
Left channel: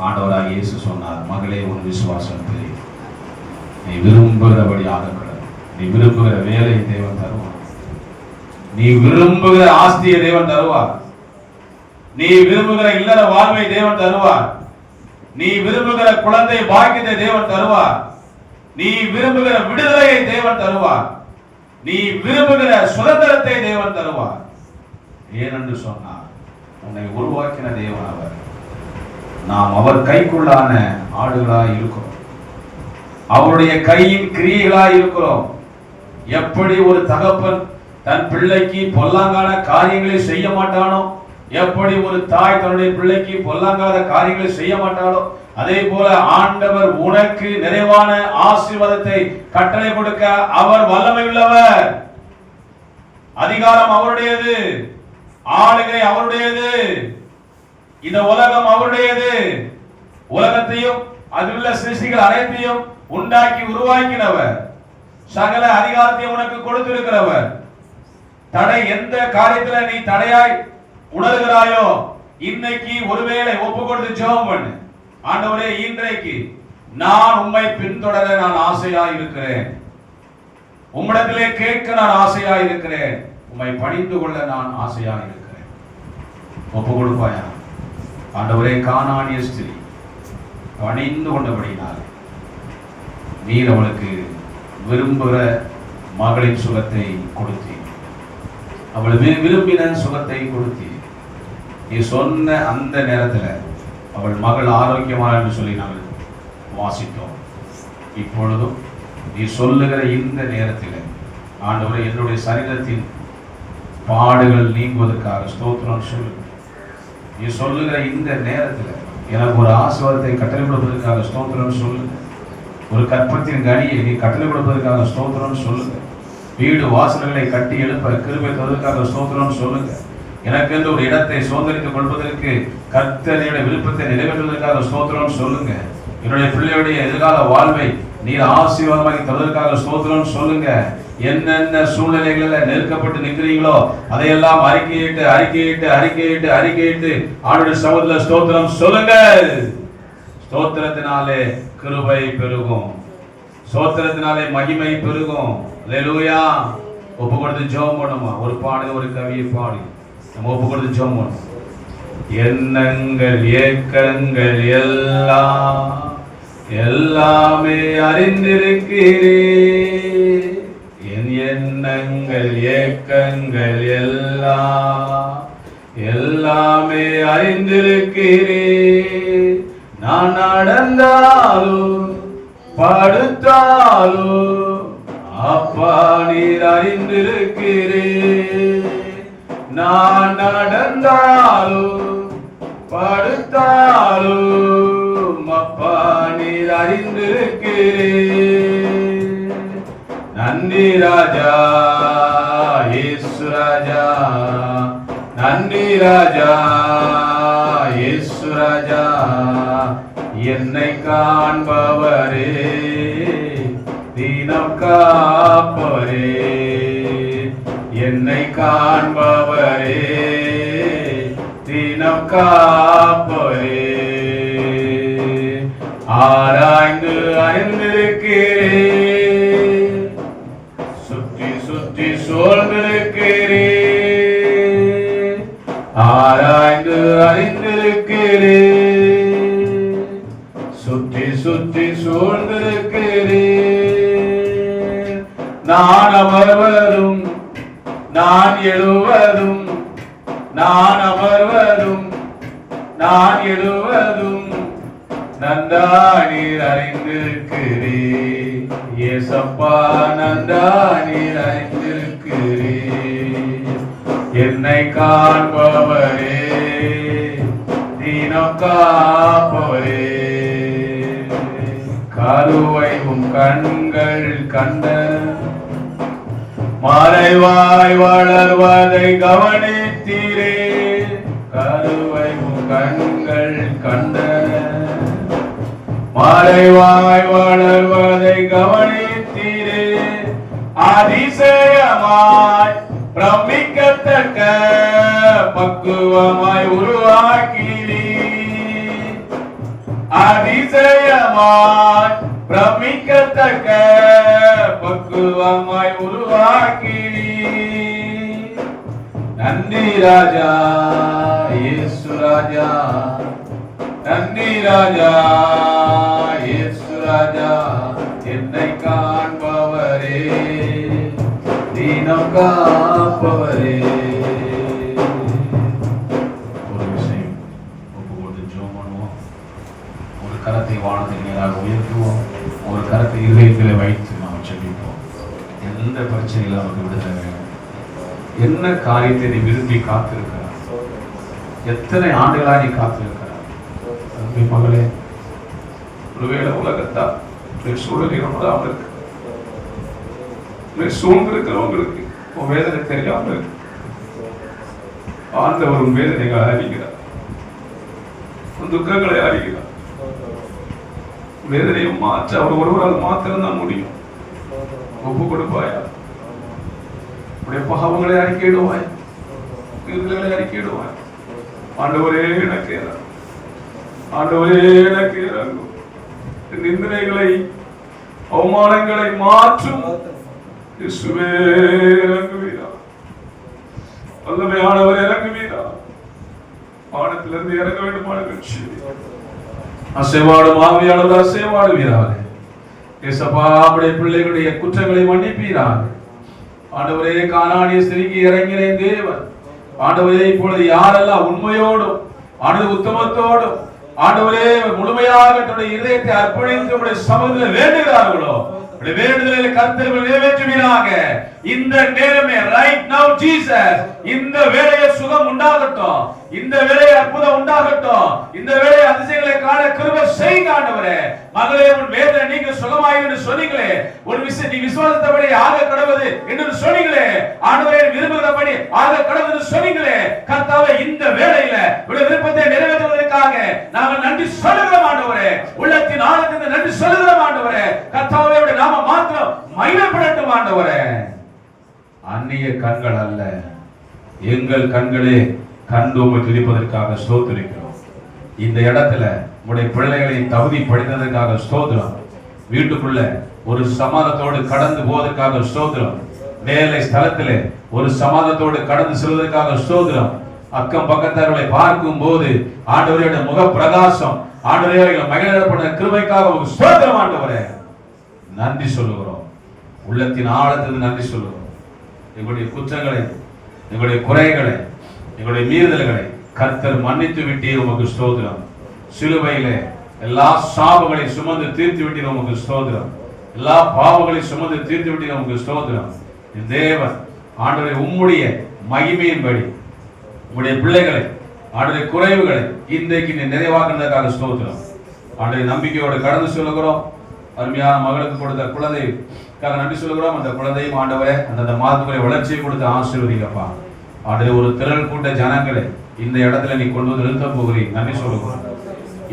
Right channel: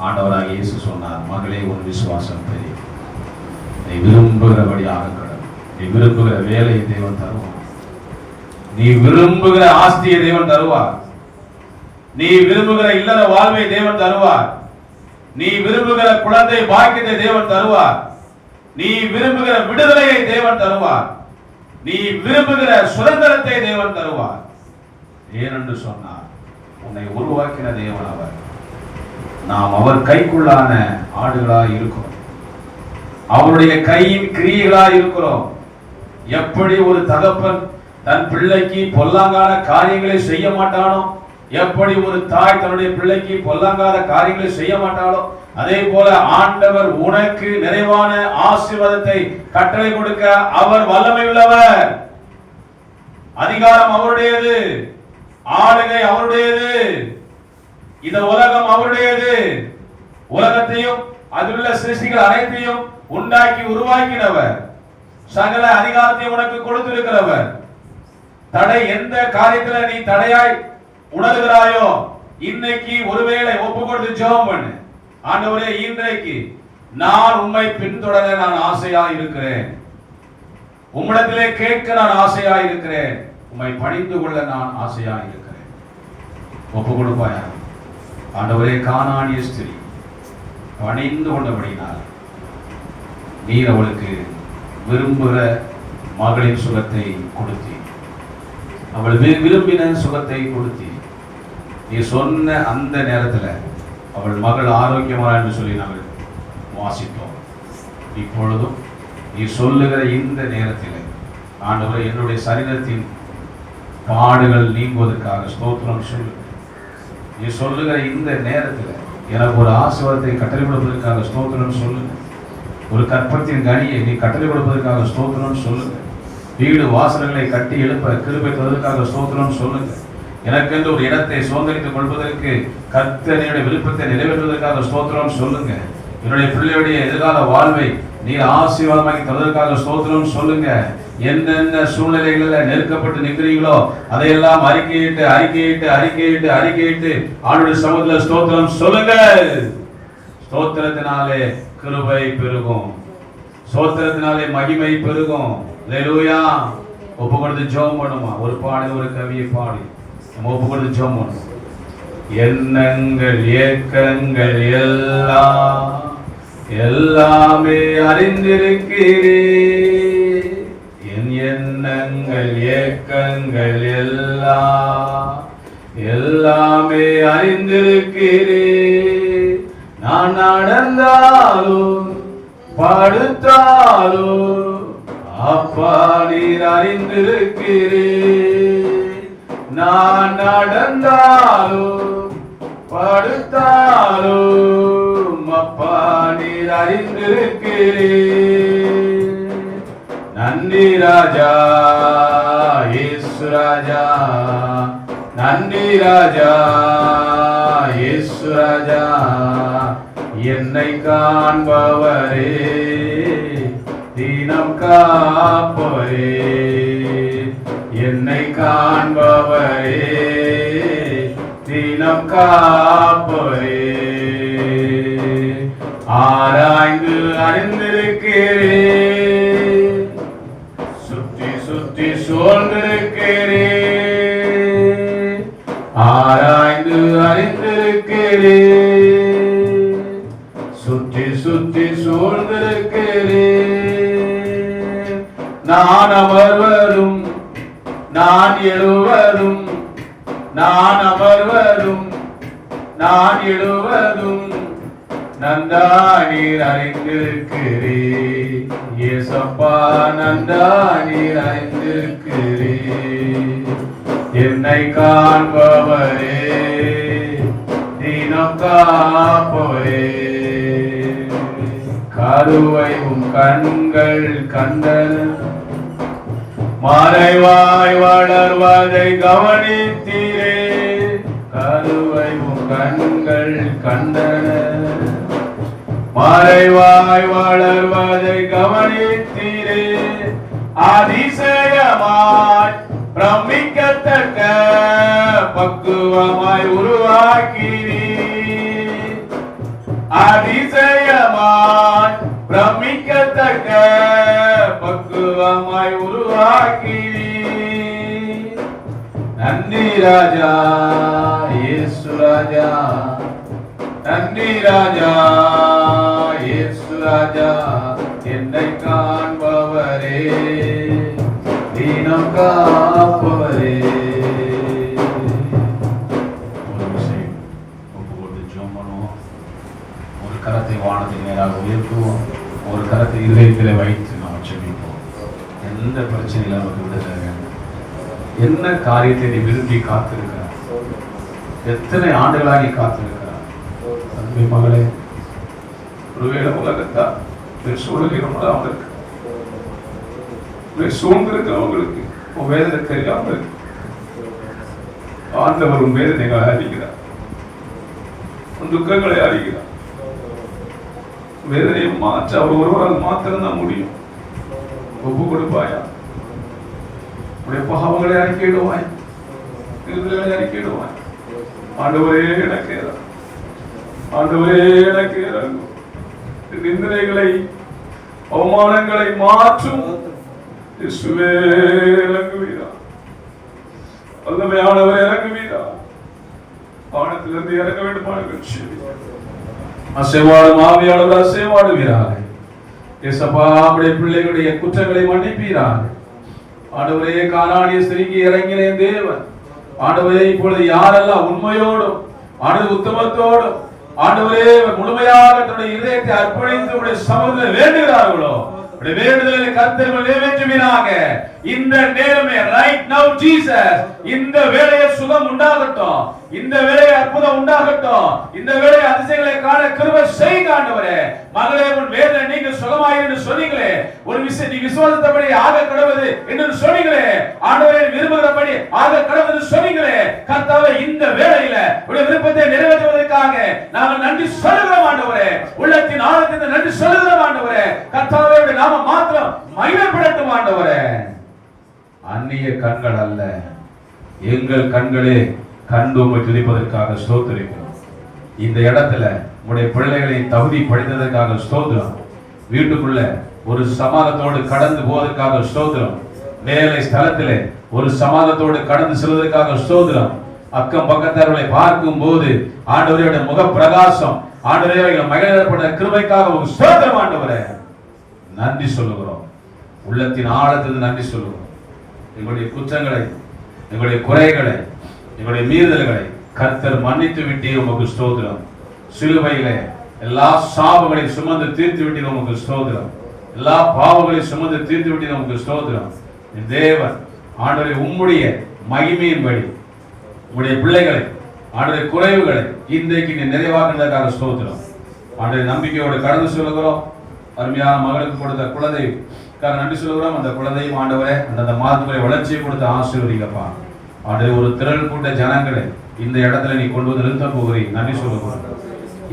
ஆண்டவராக இயேசு சொன்னார், மகளே உன் விசுவாசம் பெரிய, நீ விரும்புகிறபடியாக நீ விரும்புகிற வேலையை தேவன் தருவார், நீ விரும்புகிற ஆஸ்தியை தேவன் தருவார், நீ விரும்புகிற இல்லற வாழ்வை தேவன் தருவார், நீ விரும்புகிற குழந்தை பாக்கியத்தை தேவன் தருவார், நீ விரும்புகிற விடுதலையை தேவன் தருவார், நீ விரும்புகிற சுதந்திரத்தை தேவன் தருவார். ஏனென்று சொன்னார், உன்னை உருவாக்கின தேவன் அவர். நாம் அவர் கைக்குள்ளான ஆடுகளாய் இருக்கிறோம், அவருடைய கையின் கிரியைகளாய் இருக்கிறோம். எப்படி ஒரு தகப்பன் தன் பிள்ளைக்கு பொல்லாங்கான காரியங்களை செய்ய மாட்டானோ, எப்படி ஒரு தாய் தன்னுடைய பிள்ளைக்கு பொல்லாங்காத காரியங்களை செய்ய மாட்டாளோ, அதே போல ஆண்டவர் உனக்கு நிறைவான ஆசீர்வாதத்தை கட்டளை கொடுக்க அவர் வல்லமை உள்ளவர். அதிகாரம் அவருடையது, ஆளுகை அவருடையது, இந்த உலகம் அவருடையது. உலகத்தையும் அதிலுள்ள சிருஷ்டிகள் அனைத்தையும் உண்டாக்கி உருவாக்கினவர், சகல அதிகாரத்தையும் உனக்கு கொடுத்திருக்கிறவர். தடை எந்த காரியத்துல நீ தடையாய் உணர்கிறாயோ, இன்னைக்கு ஒருவேளை ஒப்பு கொடுத்து ஜெபம் பண்ணு. ஆண்டவரே, இன்றைக்கு நான் உம்மை பின்தொடர நான் ஆசையா இருக்கிறேன், உம்மிடத்திலே கேட்க நான் ஆசையா இருக்கிறேன், உம்மை பணிந்து கொள்ள நான் ஆசையா இருக்கிறேன். ஒப்பு கொடுப்பாயா? ஆண்டவரே, கானானிய ஸ்திரீ பணிந்து கொண்டபடினால் நீர் அவளுக்கு விரும்புகிற மகளின் சுகத்தை கொடுத்தி, அவள் விரும்பின சுகத்தை கொடுத்தி, நீ சொன்ன அந்த நேரத்தில் அவள் மகள் ஆரோக்கியமான என்று சொல்லி நாங்கள் வாசித்தோம். இப்பொழுதும் நீ சொல்லுகிற இந்த நேரத்தில் ஆண்டவரே, என்னுடைய சரீரத்தின் பாடுகள் நீங்குவதற்காக ஸ்தோத்திரம் சொல்லு. நீ சொல்லுகிற இந்த நேரத்தில் எனக்கு ஒரு ஆசீர்வாதத்தை கட்டளை கொடுப்பதற்காக ஸ்தோத்திரம் சொல்லுங்க. ஒரு கற்பத்தின் கனியை நீ கட்டளை கொடுப்பதற்காக ஸ்தோத்திரம் சொல்லுங்க. வீடு வாசல்களை கட்டி எழுப்ப கிருபை தருவதற்காக ஸ்தோத்திரம் சொல்லுங்க. எனக்கென்று ஒரு இடத்தை சுதந்திரித்துக் கொள்வதற்கு கர்த்தருடைய விருப்பத்தை நிறைவேற்றுவதற்காக ஸ்தோத்திரம் சொல்லுங்க. என்னுடைய பிள்ளையுடைய எதிர்கால வாழ்வை நீர் ஆசீர்வாதமாக்கி தருவதற்காக ஸ்தோத்திரம் சொல்லுங்க. என்னென்ன சூழ்நிலைகளில் நெருக்கப்பட்டு நிற்கிறீங்களோ அதையெல்லாம் அறிக்கையிட்டு அறிக்கையிட்டு அறிக்கையிட்டு அறிக்கையிட்டு ஆண்டுடைய சமூகத்தில் ஸ்தோத்திரம் சொல்லுங்க. ஸ்தோத்திரத்தினாலே கிருபை பெருகும், ஸ்தோத்திரத்தினாலே மகிமை பெருகும். அல்லேலூயா. ஒப்பு கொடுத்து ஜெபம் பண்ணுமா? ஒரு பாடு, ஒரு கவியை பாடி நம்ம ஒப்பு கொடுத்து ஜெபம் பண்ணுவோம். எண்ணங்கள் ஏக்கங்கள் எல்லாமே அறிந்திருக்கிறே, என் எண்ணங்கள் ஏக்கங்கள் எல்லாமே அறிந்திருக்கிறே. நான் நடந்தாலும் படுத்தாலும் அப்பா நீர் அறிந்திருக்கிறே. நான் நடந்தாலும் படுத்தாலும் அப்பா நீர் அறிந்திருக்கிறே. நன்றி ராஜா இயேசு ராஜா, நன்றி ராஜா இயேசு ராஜா. என்னை காண்பவரே, தீனம் காப்பவரே, என்னை காண்பவரே, தீனம் காப்பவரே. ஆராய்ந்து அறிந்திருக்கிறே, சுற்றி சுற்றி சூழ்ந்திருக்கிறே. ஆராய்ந்து அறிந்திருக்கிறே, சுற்றி சுற்றி சூழ்ந்திருக்கிறே. நான் அமர்வதும் நான் எழுவதும், நான் அமர்வதும் நான் எழுவதும் நன்றா நீர் அறிந்திருக்கிறே. ஏசப்பா நன்றா நீர் அறிந்திருக்கிறே. என்னை காண்பவரே, தீனம் காப்பவரே. கருவை உம் கண்கள் கண்டன, மறைவாய் வளர்வதை கவனித்தீரே. கருவை உம் கண்கள் கண்டன, மறைவாய் வளர்வதை கவனித்தீரே. அதிசயமாய் பிரமிக்கத்தக்க பக்குவமாய் உருவாக்கினீ. அதிசயமாய் பிரமிக்கத்தக்க பக்குவமாய் உருவாக்கினீ. நன்றி ராஜா இயேசு ராஜா, நன்றி ராஜா இயேசு ராஜா. என்னை காண்பவரே, தீனம் காப்பவரே. ஒரு விஷயம் ஒப்பு கொடுத்து ஜெபம் பண்ணுவோம். ஒரு கரத்தை வானத்துக்கு நேராக உயர்த்துவோம், ஒரு கரத்தை இதயத்தில் வைத்து நாம் ஜெபிப்போம். எந்த பிரச்சனையில் நமக்கு விடுதலை வேணும்? என்ன காரியத்தை நீ விரும்பி காத்திருக்கிறார்? எத்தனை ஆண்டுகளா நீ காத்திருக்கிறார்? அன்பு மகளே, ஒருவேளை உலகத்தா சூழலில் இருக்கு, சூழ்ந்திருக்கிறவங்களுக்கு உன் வேதனை தெரியாம இருக்கு. ஆண்டவர் உன் வேதனைகளை அறிகிறார், உன் துக்கங்களை அறிகிறார். வேதனையை மாற்ற அவர் ஒருவரால் மாத்திரம்தான் முடியும். ஒப்பு கொடுப்பாயா? உடைய பாவங்களை அறிக்கையிடுவாய், விடுதலை அறிக்கையிடுவாய். ஆண்டவரே எனக்கு இறங்கும், ஆண்டவரே எனக்கு இறங்கும். நிந்தனைகளை அவமானங்களை மாற்றும் இயேசுவே இறங்குவீரா, வல்லமையானவர் இறங்குவீரா. வானத்திலிருந்து இறங்க வேண்டுமான அசைவாடும் ஆவியானவர் அசைவாடுவீராக. இயேசப்பா, நம்முடைய பிள்ளைகளுடைய குற்றங்களை மன்னிப்பீராக. ஆண்டவரே, கானானிய ஸ்திரீக்கு இறங்கின தேவன் ஆண்டவரே, இப்பொழுது யாரெல்லாம் உண்மையோடும் ஆண்டவர் உத்தமத்தோடும் ஆண்டவரே முழுமையாக தன்னுடைய இதயத்தை அர்ப்பணித்து உடைய சமூகத்தில் வேண்டுகிறார்களோ, வேண்டுதலை கர்த்தர் நிறைவேற்றுவீராக. இந்த நேரமே ரைட் நவ ஜீசஸ், இந்த வேளையை சுகம் உண்டாகட்டும், இந்த வேளையை அற்புதம் உண்டாகட்டும், இந்த வேளையை அதிசயங்களை காண கிருபை செய்யுங்க ஆண்டவரே. மகளே, உன் வேதனை நீங்க சுகமாயிரு என்று சொன்னீங்களே, ஒரு விஷயம் நீ விசுவாசித்தபடி ஆக கடவுது என்று சொன்னீங்களே ஆண்டவரே, விரும்புகிறபடி ஆக கடவுது என்று சொன்னீங்களே கர்த்தாவே, இந்த வேளையில உடைய விருப்பத்தை நிறைவேற்றுவதற்காக நாங்கள் நன்றி சொல்லுகிறோம் ஆண்டவரே. உள்ளத்தின் ஆழத்திலிருந்து நன்றி சொல்லுகிறோம் ஆண்டவரே. கர்த்தாவே, உடைய நாம மாத்திரம் மகிமைப்படட்டும் ஆண்டவரே. அந்நிய கண்கள் அல்ல, எங்கள் கண்களே கண்டு உம்மை துதிப்பதற்காக ஸ்தோத்திரிக்கிறோம். இந்த இடத்துல உடைய பிள்ளைகளை தகுதி படுத்ததற்காக ஸ்தோத்திரம். வீட்டுக்குள்ள ஒரு சமாதானத்தோடு கடந்து போவதற்காக ஸ்தோத்திரம். வேலை ஸ்தலத்திலே ஒரு சமாதானத்தோடு கடந்து செல்வதற்காக ஸ்தோத்திரம். அக்கம் பக்கத்தவர்களை பார்க்கும் போது ஆண்டவருடைய முக பிரகாசம், ஆண்டவரே மகிழப்பட்ட கிருபைக்காக ஒரு ஸ்தோத்திரம் ஆண்டவரே. நன்றி சொல்லுகிறோம், உள்ளத்தின் ஆழத்திலிருந்து நன்றி சொல்லுகிறோம். எங்களுடைய குற்றங்களை, எங்களுடைய குறைகளை, எங்களுடைய மீறுதல்களை கர்த்தர் மன்னித்து விட்டீர், உமக்கு ஸ்தோத்திரம். சிலுவையிலே எல்லா சாபங்களையும் சுமந்து தீர்த்து விட்டீர், உமக்கு ஸ்தோத்திரம். எல்லா பாவங்களையும் சுமந்து தீர்த்து விட்டீர், உமக்கு ஸ்தோத்திரம். தேவன் ஆண்டவரே, உம்முடைய மகிமையின்படி உம்முடைய பிள்ளைகளை ஆண்டவரே குறைவுகளை இன்றைக்கு நீ நிறைவாக்குவதற்காக ஸ்தோத்திரம். ஆண்டவரே, நம்பிக்கையோடு கடந்து சொல்லுகிறோம். அருமையான மகளுக்கு கொடுத்த குழந்தைக்காக நன்றி சொல்லுகிறோம். அந்த குழந்தையும் ஆண்டவரே அந்த மாதத்துக்குரிய வளர்ச்சியை கொடுத்து ஆசீர்வதிக்கப்பா. ஆண்டவரே, ஒரு திரள் கூட்ட ஜனங்களை இந்த இடத்துல நீ கொண்டு வந்து நிறுத்த போகிறீங்க, நன்றி சொல்லுகிறோம்.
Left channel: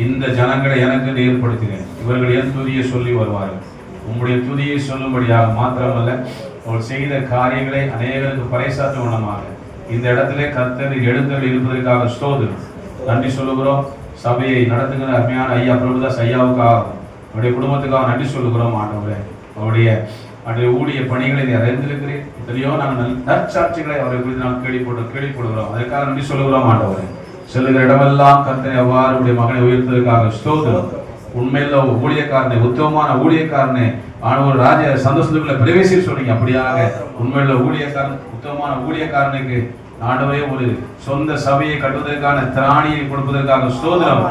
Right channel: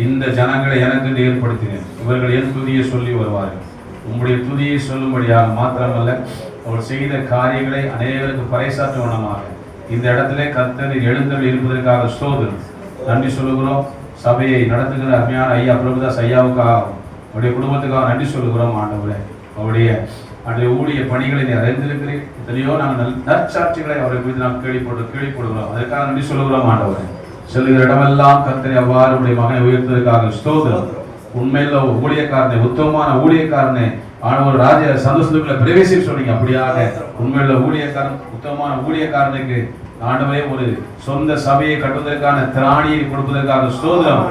இந்த ஜனங்களை எனக்கு ஏற்படுத்தினேன், இவர்கள் என் துதியை சொல்லி வருவார்கள். உங்களுடைய துதியை சொல்லும்படியாக மாத்திரமல்ல, அவர் செய்த காரியங்களை அநேகருக்கு பறைசாற்றுவனமாக இந்த இடத்துல கர்த்தர் எழுந்தருளி இருப்பதற்காக ஸ்தோத்திரம், நன்றி சொல்லுகிறோம். சபையை நடத்துகிற அருமையான ஐயா பிரபுதாஸ் ஐயாவுக்காக, அவருடைய குடும்பத்துக்காக நன்றி சொல்லுகிறோம் ஆண்டவரே. அவருடைய ஊழிய பணிகளை நீ அறிந்திருக்கிறேன். எத்தனையோ நாங்கள் நற்சாட்சிகளை அவரை குறித்து நாம் கேள்விப்படுகிறோம். அதற்காக நன்றி சொல்லுகிறோம் ஆண்டவரே. செல்லுகிற இடமெல்லாம் கர்த்தரை அவ்வாறு உடைய மகனை உயர்த்ததற்காக ஸ்தோத்திரம். உண்மையில ஊழியக்காரனை, உத்தமமான ஊழியக்காரனை ஆனவர் ராஜ சந்தோஷத்துக்குள்ள பிரவேசிக்க சொன்னீங்க. அப்படியாக உண்மையுள்ள ஊழியக்காரன், உத்தமமான ஊழியக்காரனுக்கு ஆண்டவரே ஒரு சொந்த சபையை கட்டுவதற்கான திராணியை கொடுப்பதற்காக ஸ்தோத்திரம்.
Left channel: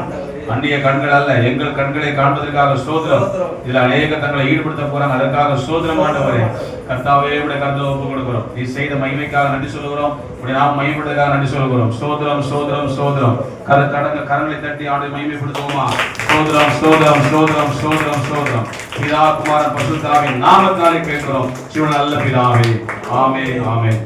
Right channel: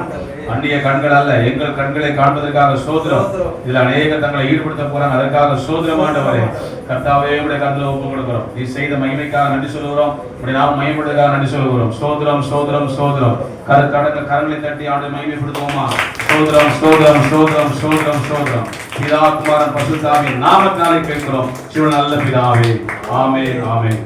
அந்நிய கண்கள் அல்ல, எங்கள் கண்களை காண்பதற்காக ஸ்தோத்திரம். இதுல அநேக தங்களை ஈடுபடுத்த போறாங்க, அதற்காக ஸ்தோத்திரம் ஆண்டவரே. கர்த்தாவே, உடைய கருத்துல ஒப்பு கொடுக்கிறோம். நீ செய்த மகிமைக்காக நன்றி சொல்லுகிறோம். உடைய நாம் மகிமைப்படுவதற்காக நன்றி சொல்லுகிறோம். ஸ்தோத்திரம், ஸ்தோத்திரம், ஸ்தோத்திரம். கரங்களை தட்டி ஆண்டு மகிமைப்படுத்துவோமா? ஸ்தோத்திரம், ஸ்தோத்திரம், ஸ்தோத்திரம், ஸ்தோத்திரம், ஸ்தோத்திரம். பிதா குமாரன் பரிசுத்த ஆவியின் நாமத்தினாலே கேட்கிறோம். சிவன் நல்ல பிதாவே. ஆமென், ஆமென்.